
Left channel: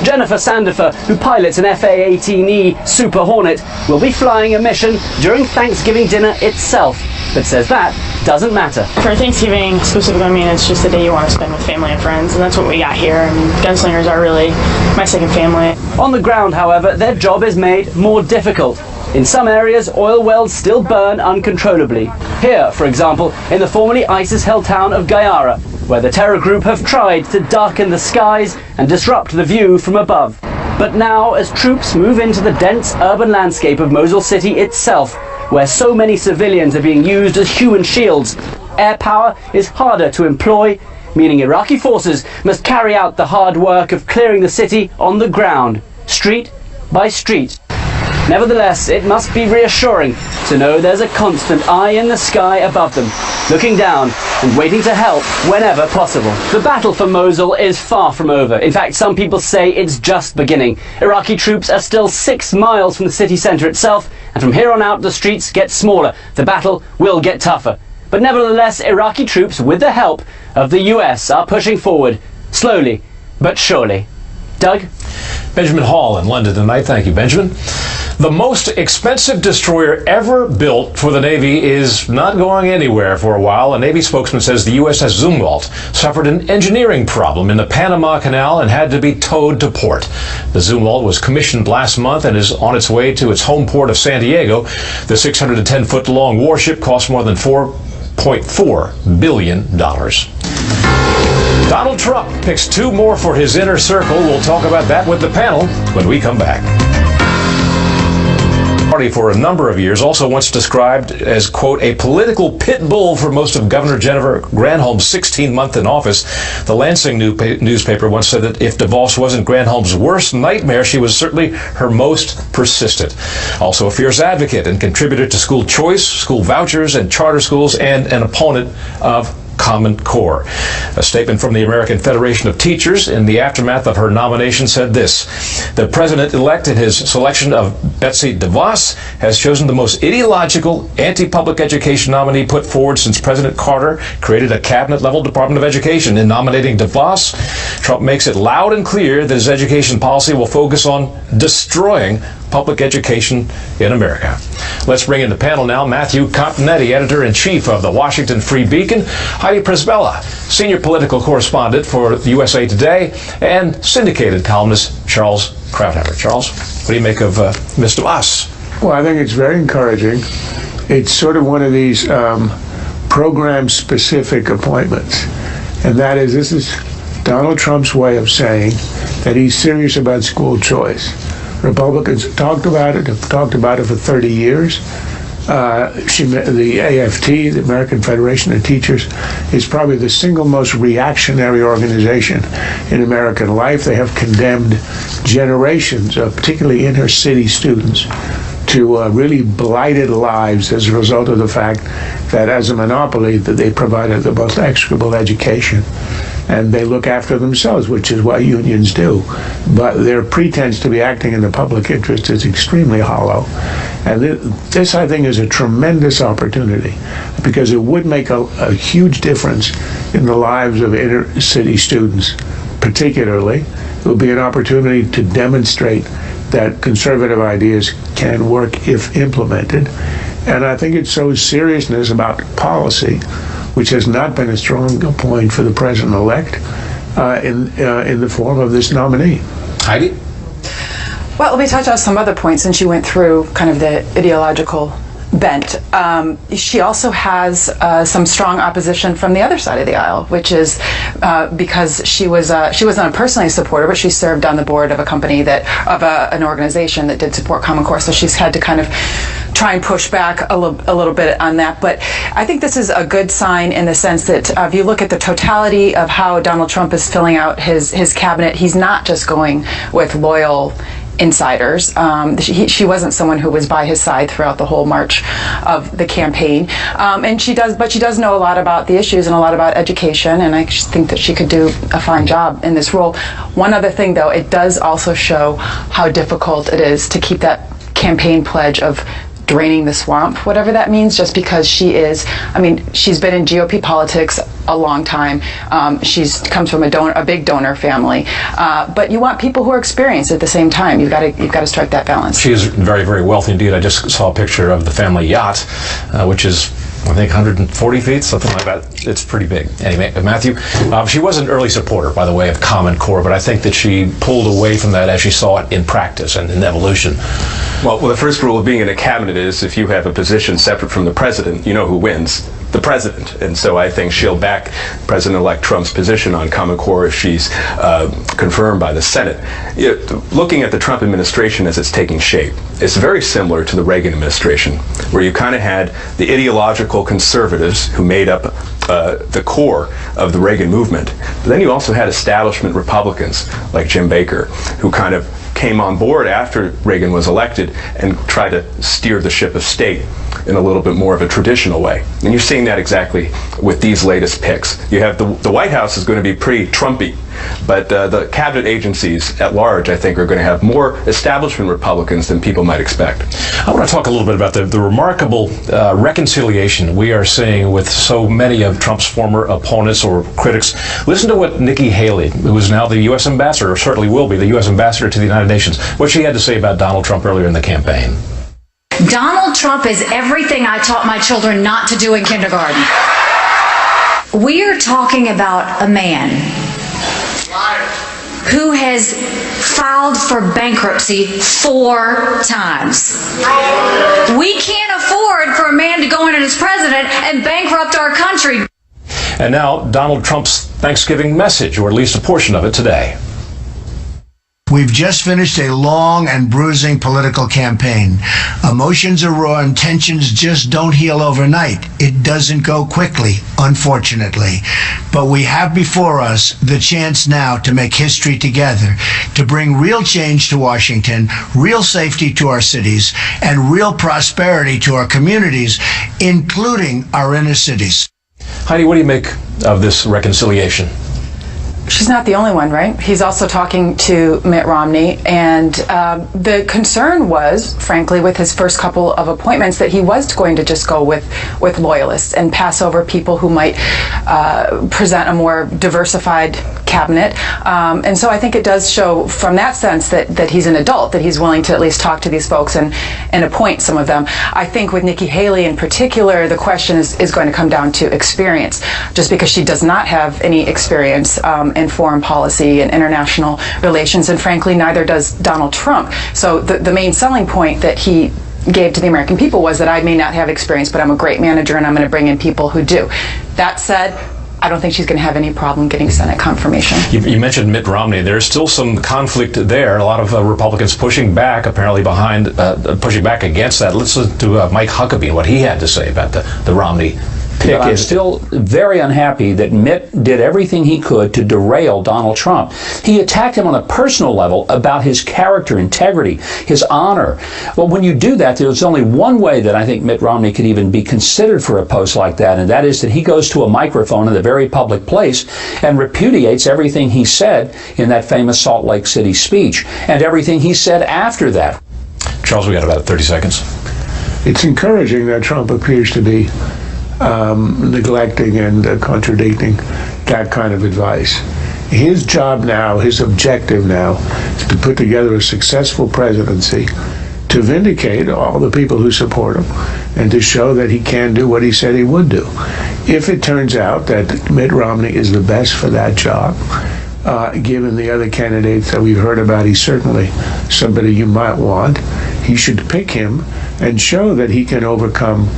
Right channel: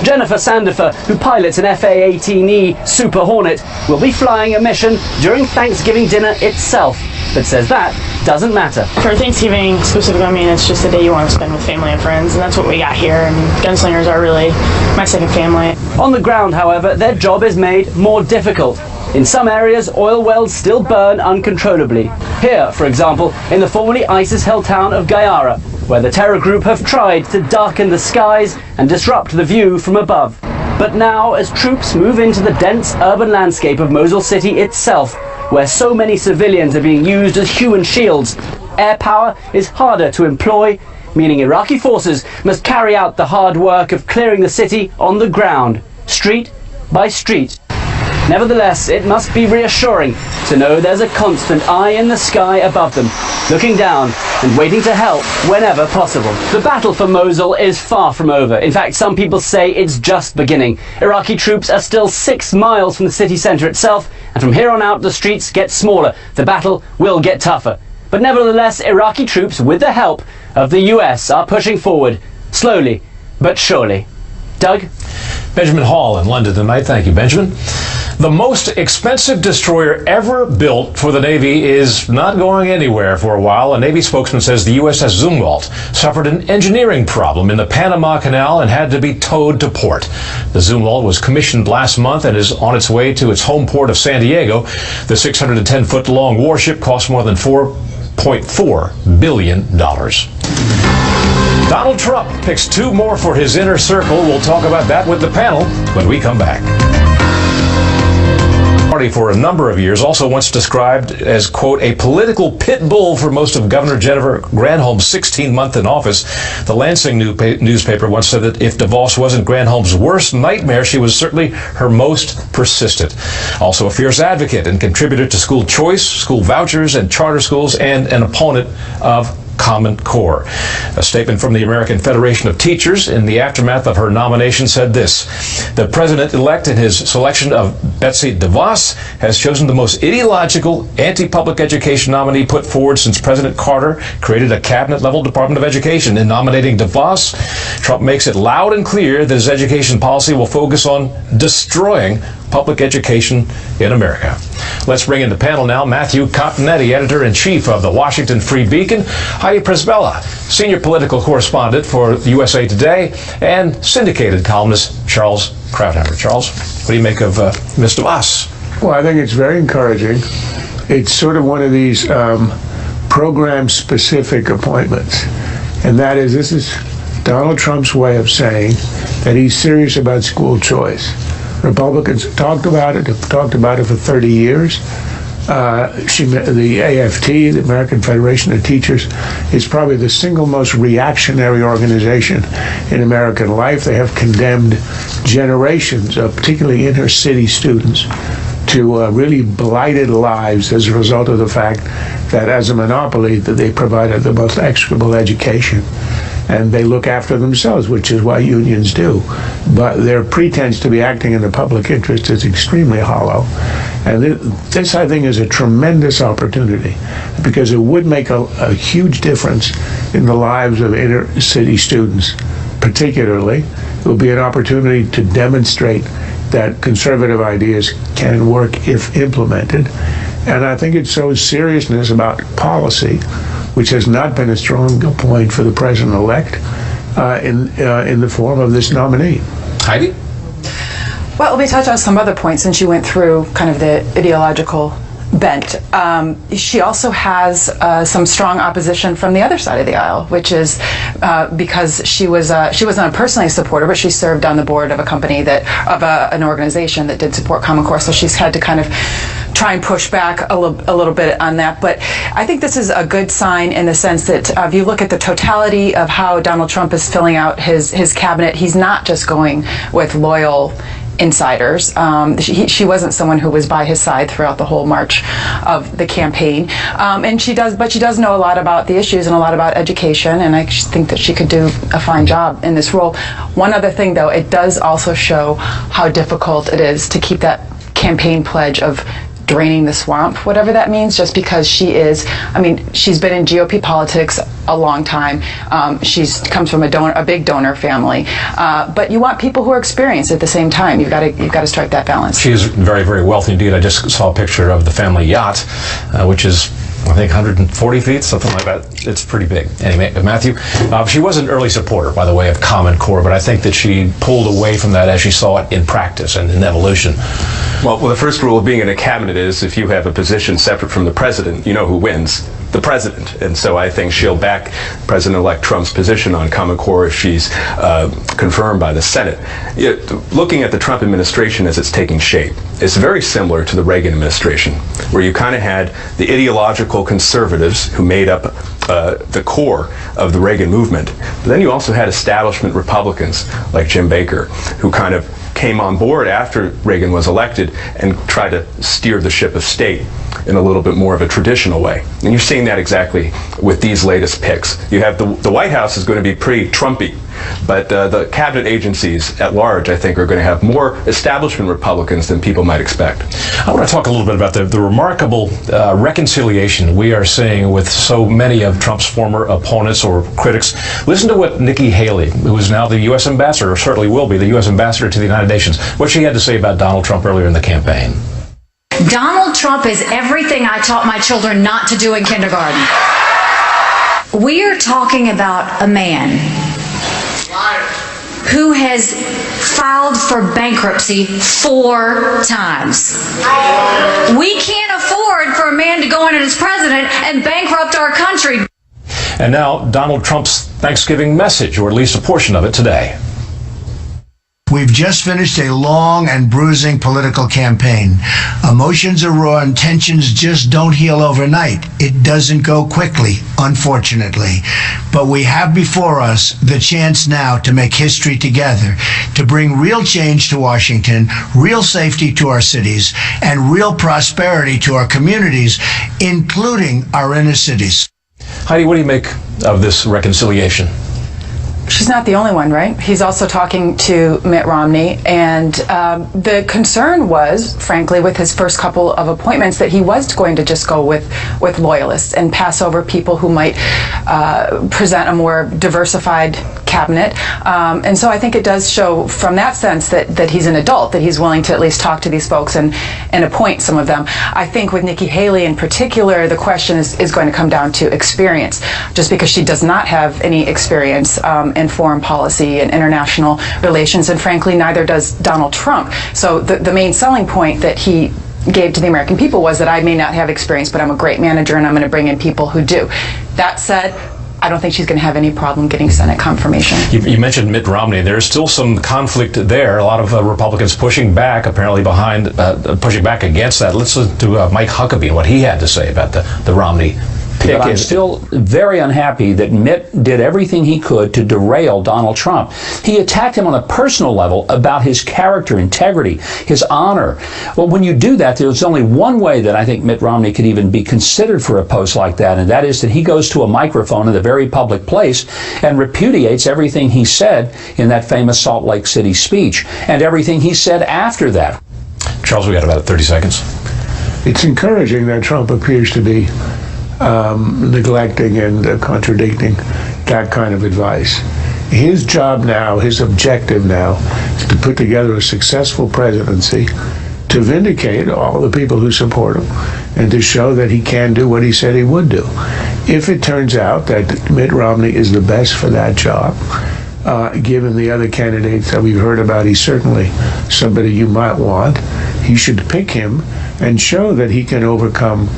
Jennifer Sandifer, who pilots an FA-18E Super Hornet, will be flying a mission during Thanksgiving dinner itself, but says that doesn't matter. For Thanksgiving, specifically, I mean, it's just a day you want to spend with family and friends, and that's what we got here. I mean, gunslingers are really my second family. On the ground, however, their job is made more difficult. In some areas, oil wells still burn uncontrollably. Here, for example, in the formerly ISIS-held town of Gayara, where the terror group have tried to darken the skies and disrupt the view from above. But now, as troops move into the dense urban landscape of Mosul City itself, where so many civilians are being used as human shields, air power is harder to employ, meaning Iraqi forces must carry out the hard work of clearing the city on the ground, street by street. Nevertheless, it must be reassuring to know there's a constant eye in the sky above them, looking down and waiting to help whenever possible. The battle for Mosul is far from over. In fact, some people say it's just beginning. Iraqi troops are still 6 miles from the city centre itself, and from here on out the streets get smaller. The battle will get tougher. But nevertheless, Iraqi troops, with the help of the US, are pushing forward, slowly but surely. Doug? Benjamin Hall in London tonight. Thank you, Benjamin. The most expensive destroyer ever built for the Navy is not going anywhere for a while. A Navy spokesman says the USS Zumwalt suffered an engineering problem in the Panama Canal and had to be towed to port. The Zumwalt was commissioned last month and is on its way to its home port of San Diego. The 610-foot-long warship cost more than $4.4 billion. Donald Trump picks 2 more for his inner circle. We'll talk about that with the panel when we come back. Party for a number of years, also once described as, quote, a political pit bull for most of Governor Jennifer Granholm's 16th month in office. The Lansing newspaper once said that if DeVos wasn't Granholm's worst nightmare, she was certainly her most persistent. Also a fierce advocate and contributor to school choice, school vouchers, and charter schools, and an opponent of Common Core. A statement from the American Federation of Teachers in the aftermath of her nomination said this: the president-elect, in his selection of Betsy DeVos, has chosen the most ideological anti-public education nominee put forward since President Carter created a cabinet-level Department of Education. In nominating DeVos, Trump makes it loud and clear that his education policy will focus on destroying public education in America. Let's bring in the panel now Matthew Continetti, editor-in-chief of the Washington Free Beacon, Heidi Przybyla, senior political correspondent for USA Today, and syndicated columnist Charles Krauthammer. Charles, what do you make of Ms. DeVos? Well, I think it's very encouraging. It's sort of one of these program-specific appointments, and that is, this is Donald Trump's way of saying that he's serious about school choice. Republicans have talked about it for 30 years. The AFT, the American Federation of Teachers, is probably the single most reactionary organization in American life. They have condemned generations of particularly inner city students to really blighted lives as a result of the fact that as a monopoly that they provided the most execrable education. And they look after themselves, which is what unions do. But their pretense to be acting in the public interest is extremely hollow. And this, I think, is a tremendous opportunity because it would make a huge difference in the lives of inner city students, particularly. It would be an opportunity to demonstrate that conservative ideas can work if implemented. And I think it shows seriousness about policy, which has not been a strong point for the president-elect in the form of this nominee. Heidi? Well, let me touch on some other points since you went through kind of the ideological bent. She also has some strong opposition from the other side of the aisle, which is because she was not a personally supporter, but she served on the board of a company an organization that did support Common Core. So she's had to kind of try and push back a little bit on that. But I think this is a good sign in the sense that if you look at the totality of how Donald Trump is filling out his cabinet, he's not just going with loyal insiders. She wasn't someone who was by his side throughout the whole march of the campaign. And she does know a lot about the issues and a lot about education, and I think that she could do a fine job in this role. One other thing, though, it does also show how difficult it is to keep that campaign pledge of draining the swamp, whatever that means, just because she's been in GOP politics a long time. She comes from a big donor family, but you want people who are experienced at the same time. You've got to strike that balance. She is very, very wealthy indeed. I just saw a picture of the family yacht, which is, I think, 140 feet, something like that. It's pretty big. Anyway, Matthew, she was an early supporter, by the way, of Common Core, but I think that she pulled away from that as she saw it in practice and in evolution. Well, the first rule of being in a cabinet is if you have a position separate from the president, you know who wins. The president. And so I think she'll back President-elect Trump's position on Common Core if she's confirmed by the Senate. Looking at the Trump administration as it's taking shape, it's very similar to the Reagan administration, where you kind of had the ideological conservatives who made up the core of the Reagan movement. But then you also had establishment Republicans like Jim Baker, who kind of came on board after Reagan was elected and tried to steer the ship of state in a little bit more of a traditional way. And you're seeing that exactly with these latest picks. You have the White House is going to be pretty Trumpy, but the cabinet agencies at large, I think, are going to have more establishment Republicans than people might expect. I want to talk a little bit about the remarkable reconciliation we are seeing with so many of Trump's former opponents or critics. Listen to what Nikki Haley, who is now the U.S. ambassador, or certainly will be the U.S. ambassador to the United Nations, what she had to say about Donald Trump earlier in the campaign. Donald Trump is everything I taught my children not to do in kindergarten. We are talking about a man who has filed for bankruptcy 4 times. We can't afford for a man to go in as president and bankrupt our country. And now Donald Trump's Thanksgiving message, or at least a portion of it today. We've just finished a long and bruising political campaign. Emotions are raw and tensions just don't heal overnight. It doesn't go quickly, unfortunately. But we have before us the chance now to make history together, to bring real change to Washington, real safety to our cities, and real prosperity to our communities, including our inner cities. Heidi, what do you make of this reconciliation? She's not the only one, right? He's also talking to Mitt Romney, and the concern was, frankly, with his first couple of appointments, that he was going to just go with loyalists and pass over people who might present a more diversified cabinet. And so I think it does show from that sense that he's an adult, that he's willing to at least talk to these folks and appoint some of them. I think with Nikki Haley in particular, the question is going to come down to experience. Just because she does not have any experience in foreign policy and international relations, and frankly, neither does Donald Trump. So the main selling point that he gave to the American people was that I may not have experience, but I'm a great manager and I'm going to bring in people who do. That said, I don't think she's going to have any problem getting Senate confirmation. You mentioned Mitt Romney. There's still some conflict there. A lot of Republicans pushing back, apparently pushing back against that. Let's listen to Mike Huckabee and what he had to say about the Romney pick. But I'm still very unhappy that Mitt did everything he could to derail Donald Trump. He attacked him on a personal level about his character, integrity, his honor. Well, when you do that, there's only one way that I think Mitt Romney could even be considered for a post like that, and that is that he goes to a microphone in a very public place and repudiates everything he said in that famous Salt Lake City speech and everything he said after that. Charles, we got about 30 seconds. It's encouraging that Trump appears to be neglecting and contradicting that kind of advice. His job now, his objective now, is to put together a successful presidency, to vindicate all the people who support him, and to show that he can do what he said he would do. If it turns out that Mitt Romney is the best for that job, given the other candidates that we've heard about, he's certainly somebody you might want. He should pick him and show that he can overcome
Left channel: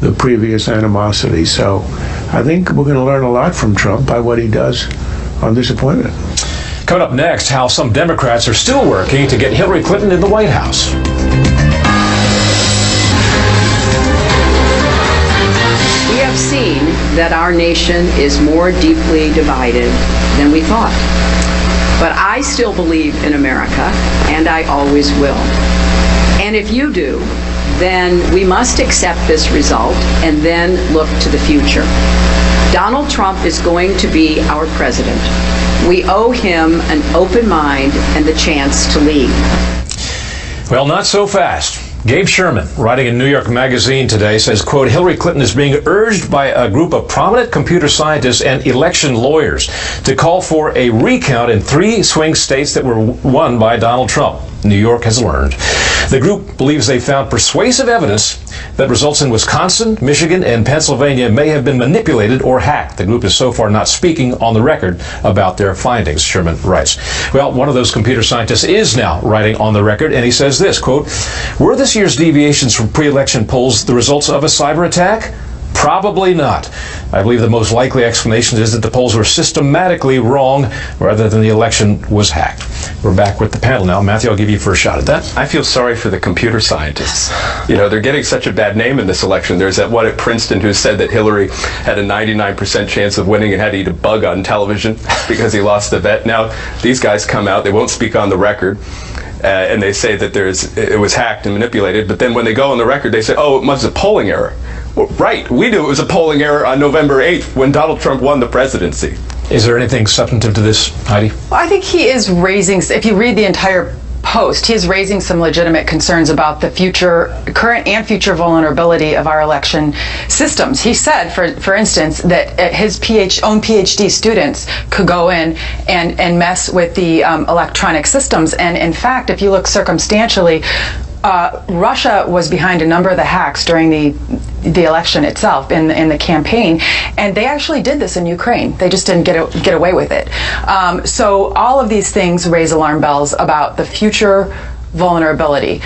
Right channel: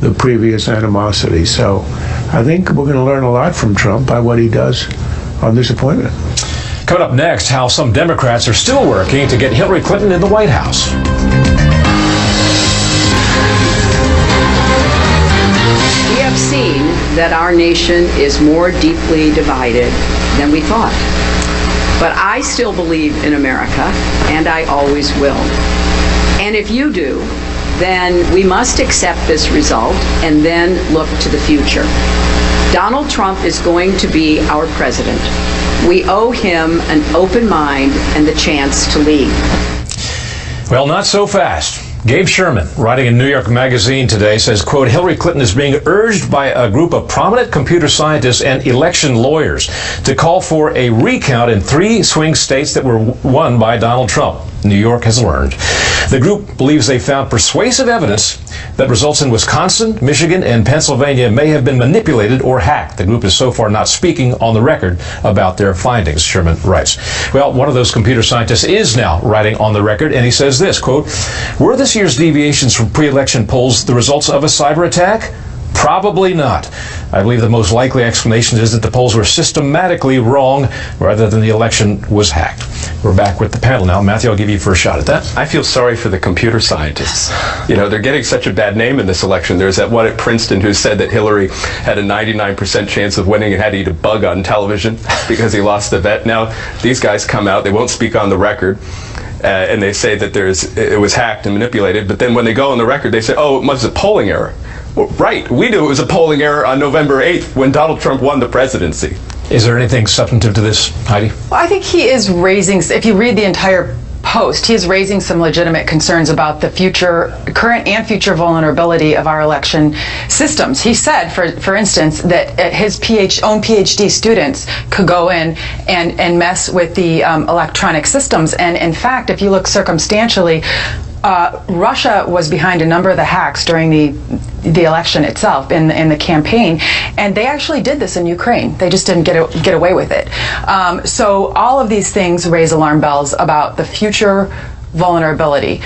the previous animosity. So I think we're going to learn a lot from Trump by what he does on this appointment. Coming up next, how some Democrats are still working to get Hillary Clinton in the White House. that our nation is more deeply divided than we thought. But I still believe in America, and I always will. And if you do, then we must accept this result and then look to the future. Donald Trump is going to be our president. We owe him an open mind and the chance to lead. Well, not so fast. Gabe Sherman, writing in New York Magazine today, says, quote, Hillary Clinton is being urged by a group of prominent computer scientists and election lawyers to call for a recount in 3 swing states that were won by Donald Trump. New York has learned. The group believes they found persuasive evidence that results in Wisconsin, Michigan, and Pennsylvania may have been manipulated or hacked. The group is so far not speaking on the record about their findings, Sherman writes. Well, one of those computer scientists is now writing on the record, and he says this, quote, were this year's deviations from pre-election polls the results of a cyber attack? Probably not. I believe the most likely explanation is that the polls were systematically wrong rather than the election was hacked. We're back with the panel now. Matthew, I'll give you first shot at that. I feel sorry for the computer scientists. You know, they're getting such a bad name in this election. There's that one at Princeton who said that Hillary had a 99% chance of winning and had to eat a bug on television because he lost the bet. Now, these guys come out, they won't speak on the record. And they say that it was hacked and manipulated, but then when they go on the record, they say, oh, it was a polling error. Well, right, we knew it was a polling error on November 8th when Donald Trump won the presidency. Is there anything substantive to this, Heidi? Well, I think he is raising, if you read the entire post, he is raising some legitimate concerns about the current and future vulnerability of our election systems. He said, for instance, that his own PhD students could go in and mess with the electronic systems. And in fact, if you look circumstantially, Russia was behind a number of the hacks during the election itself in the campaign, and they actually did this in Ukraine. They just didn't get away with it. So all of these things raise alarm bells about the future vulnerability.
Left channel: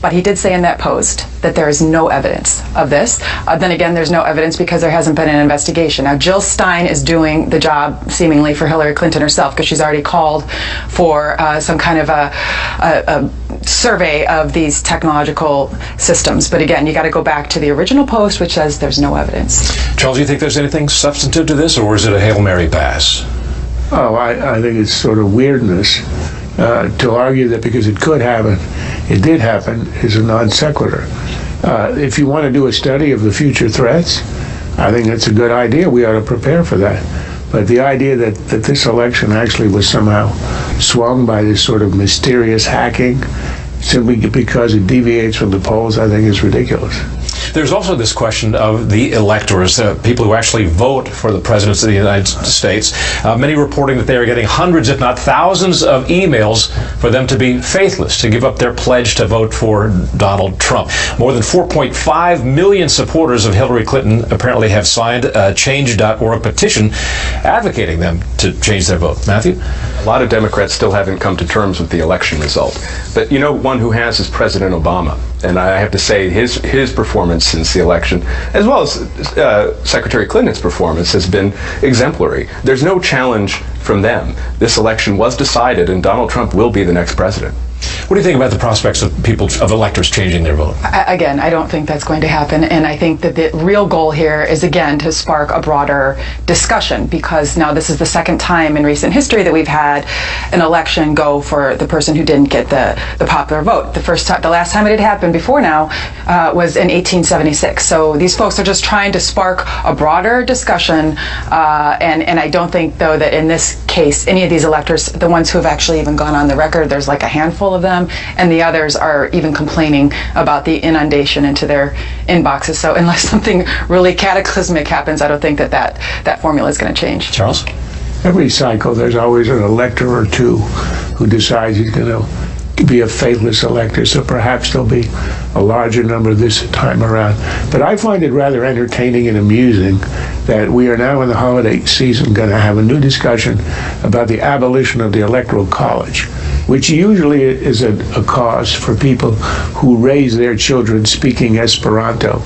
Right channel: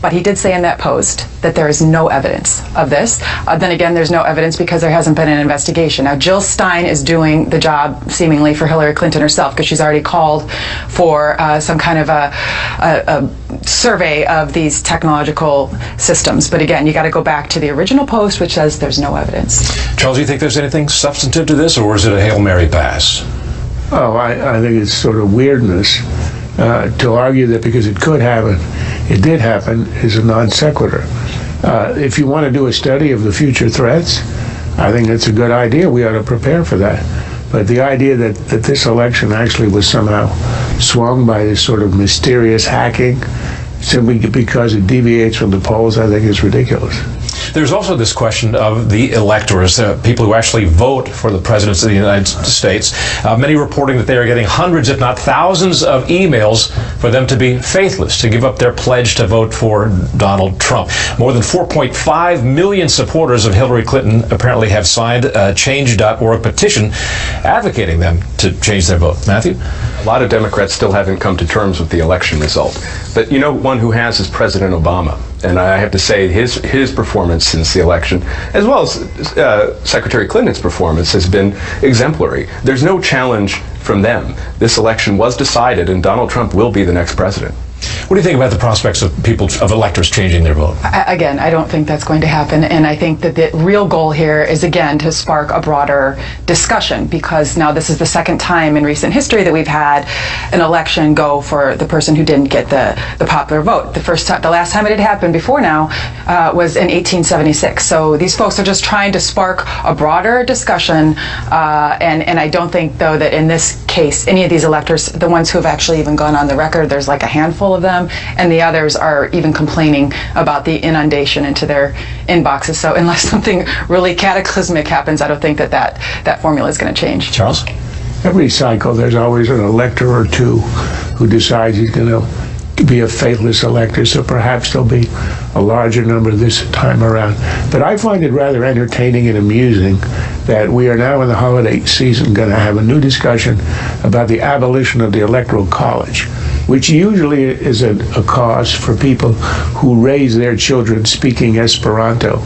But he did say in that post that there is no evidence of this. Then again, there's no evidence because there hasn't been an investigation. Now, Jill Stein is doing the job, seemingly, for Hillary Clinton herself, because she's already called for some kind of a survey of these technological systems. But again, you got to go back to the original post, which says there's no evidence. Charles, do you think there's anything substantive to this, or is it a Hail Mary pass? Oh, I think it's sort of weirdness. To argue that because it could happen, it did happen, is a non sequitur. If you want to do a study of the future threats, I think that's a good idea. We ought to prepare for that. But the idea that this election actually was somehow swung by this sort of mysterious hacking simply because it deviates from the polls, I think is ridiculous. There's also this question of the electors, people who actually vote for the presidency of the United States. Many reporting that they are getting hundreds, if not thousands, of emails for them to be faithless, to give up their pledge to vote for Donald Trump. More than 4.5 million supporters of Hillary Clinton apparently have signed a Change.org petition advocating them to change their vote. Matthew? A lot of Democrats still haven't come to terms with the election result. But you know, one who has is President Obama. And I have to say his performance since the election, as well as Secretary Clinton's performance, has been exemplary. There's no challenge from them. This election was decided, and Donald Trump will be the next president. What do you think about the prospects of electors changing their vote? Again, I don't think that's going to happen, and I think that the real goal here is, again, to spark a broader discussion, because now this is the second time in recent history that we've had an election go for the person who didn't get the popular vote. The last time it had happened before now was in 1876. So these folks are just trying to spark a broader discussion, and I don't think, though, that in this case, any of these electors, the ones who have actually even gone on the record, there's like a handful of them, and the others are even complaining about the inundation into their inboxes. So unless something really cataclysmic happens, I don't think that formula is going to change. Charles? Every cycle, there's always an elector or two who decides he's going to be a faithless elector, so perhaps there'll be a larger number this time around. But I find it rather entertaining and amusing that we are now in the holiday season going to have a new discussion about the abolition of the Electoral College, which usually is a cause for people who raise their children speaking Esperanto.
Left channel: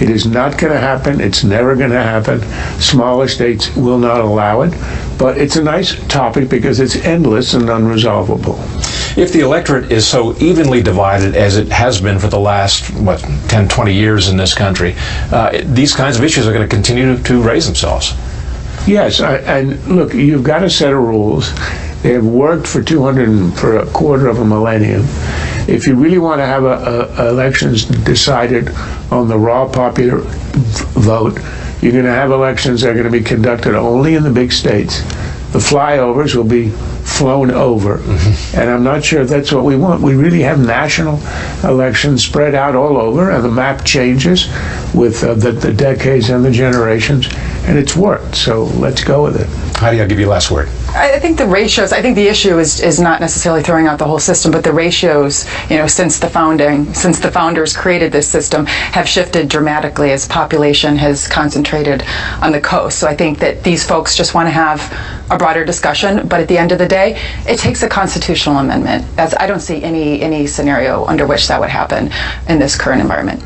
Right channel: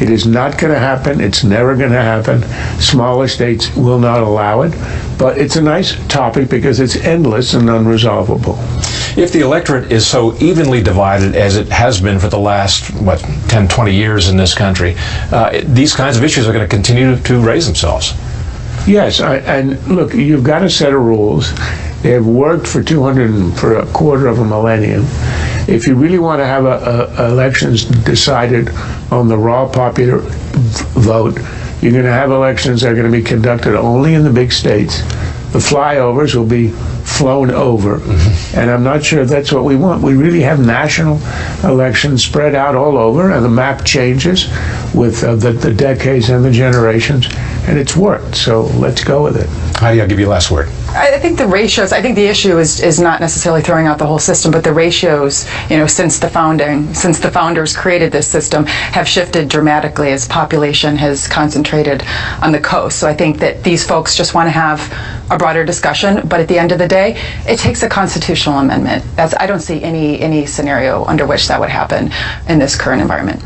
It is not going to happen. It's never going to happen. Smaller states will not allow it. But it's a nice topic because it's endless and unresolvable. If the electorate is so evenly divided as it has been for the last, 10, 20 years in this country, these kinds of issues are going to continue to raise themselves. Yes, and look, you've got a set of rules. They have worked for for a quarter of a millennium. If you really want to have elections decided on the raw popular vote, you're going to have elections that are going to be conducted only in the big states. The flyovers will be flown over, and I'm not sure that's what we want. We really have national elections spread out all over, and the map changes with the decades and the generations, and it's worked, so let's go with it. Heidi, I'll give you the last word. I think the ratios, I think the issue is not necessarily throwing out the whole system, but the ratios, since the founders created this system, have shifted dramatically as population has concentrated on the coast. So I think that these folks just want to have a broader discussion, but at the end of the day, it takes a constitutional amendment. I don't see any scenario under which that would happen in this current environment.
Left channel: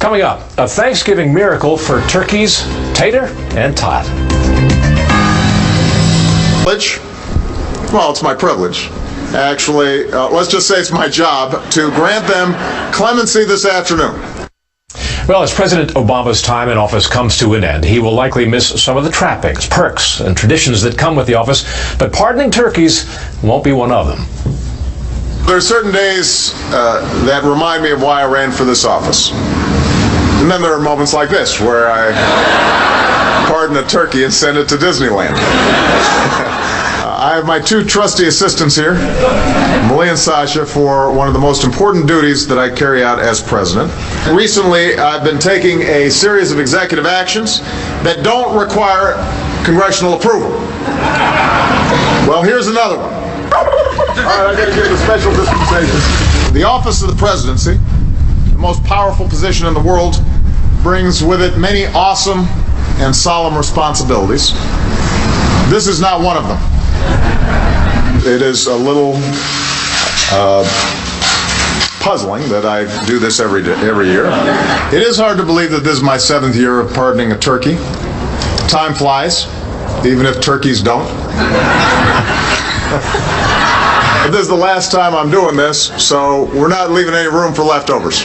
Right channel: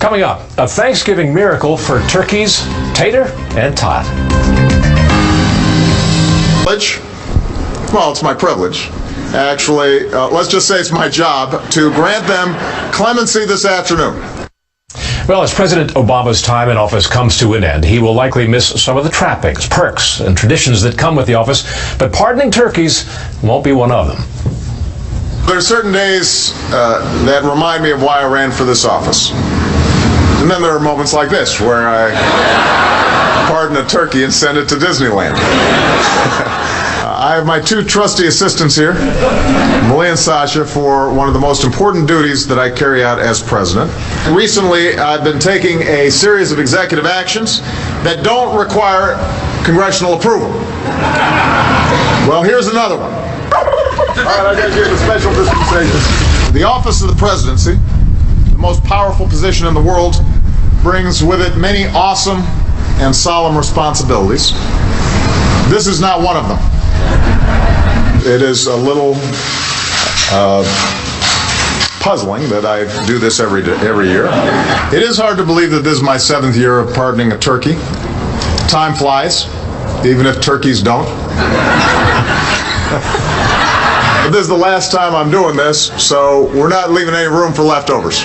Coming up, a Thanksgiving miracle for turkeys, Tater and Tot. Well, it's my privilege. Actually, let's just say it's my job to grant them clemency this afternoon. Well, as President Obama's time in office comes to an end, he will likely miss some of the trappings, perks, and traditions that come with the office, but pardoning turkeys won't be one of them. There are certain days that remind me of why I ran for this office. And then there are moments like this where I pardon a turkey and send it to Disneyland. I have my two trusty assistants here, Malia and Sasha, for one of the most important duties that I carry out as president. Recently, I've been taking a series of executive actions that don't require congressional approval. Well, here's another one. All right, I gotta give you a special dispensation. The office of the presidency, the most powerful position in the world, brings with it many awesome and solemn responsibilities. This is not one of them. It is a little puzzling that I do this every year. It is hard to believe that this is my 7th year of pardoning a turkey. Time flies, even if turkeys don't. But this is the last time I'm doing this, so we're not leaving any room for leftovers.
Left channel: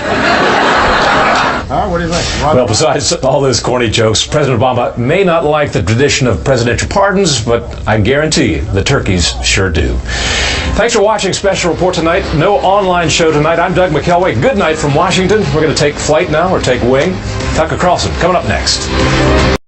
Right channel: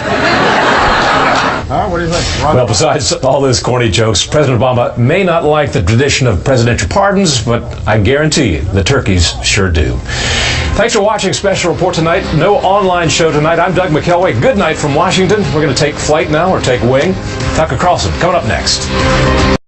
What do you think? Well, besides all those corny jokes, President Obama may not like the tradition of presidential pardons, but I guarantee you the turkeys sure do. Thanks for watching Special Report tonight. No online show tonight. I'm Doug McKelway. Good night from Washington. We're going to take flight now, or take wing. Tucker Carlson coming up next.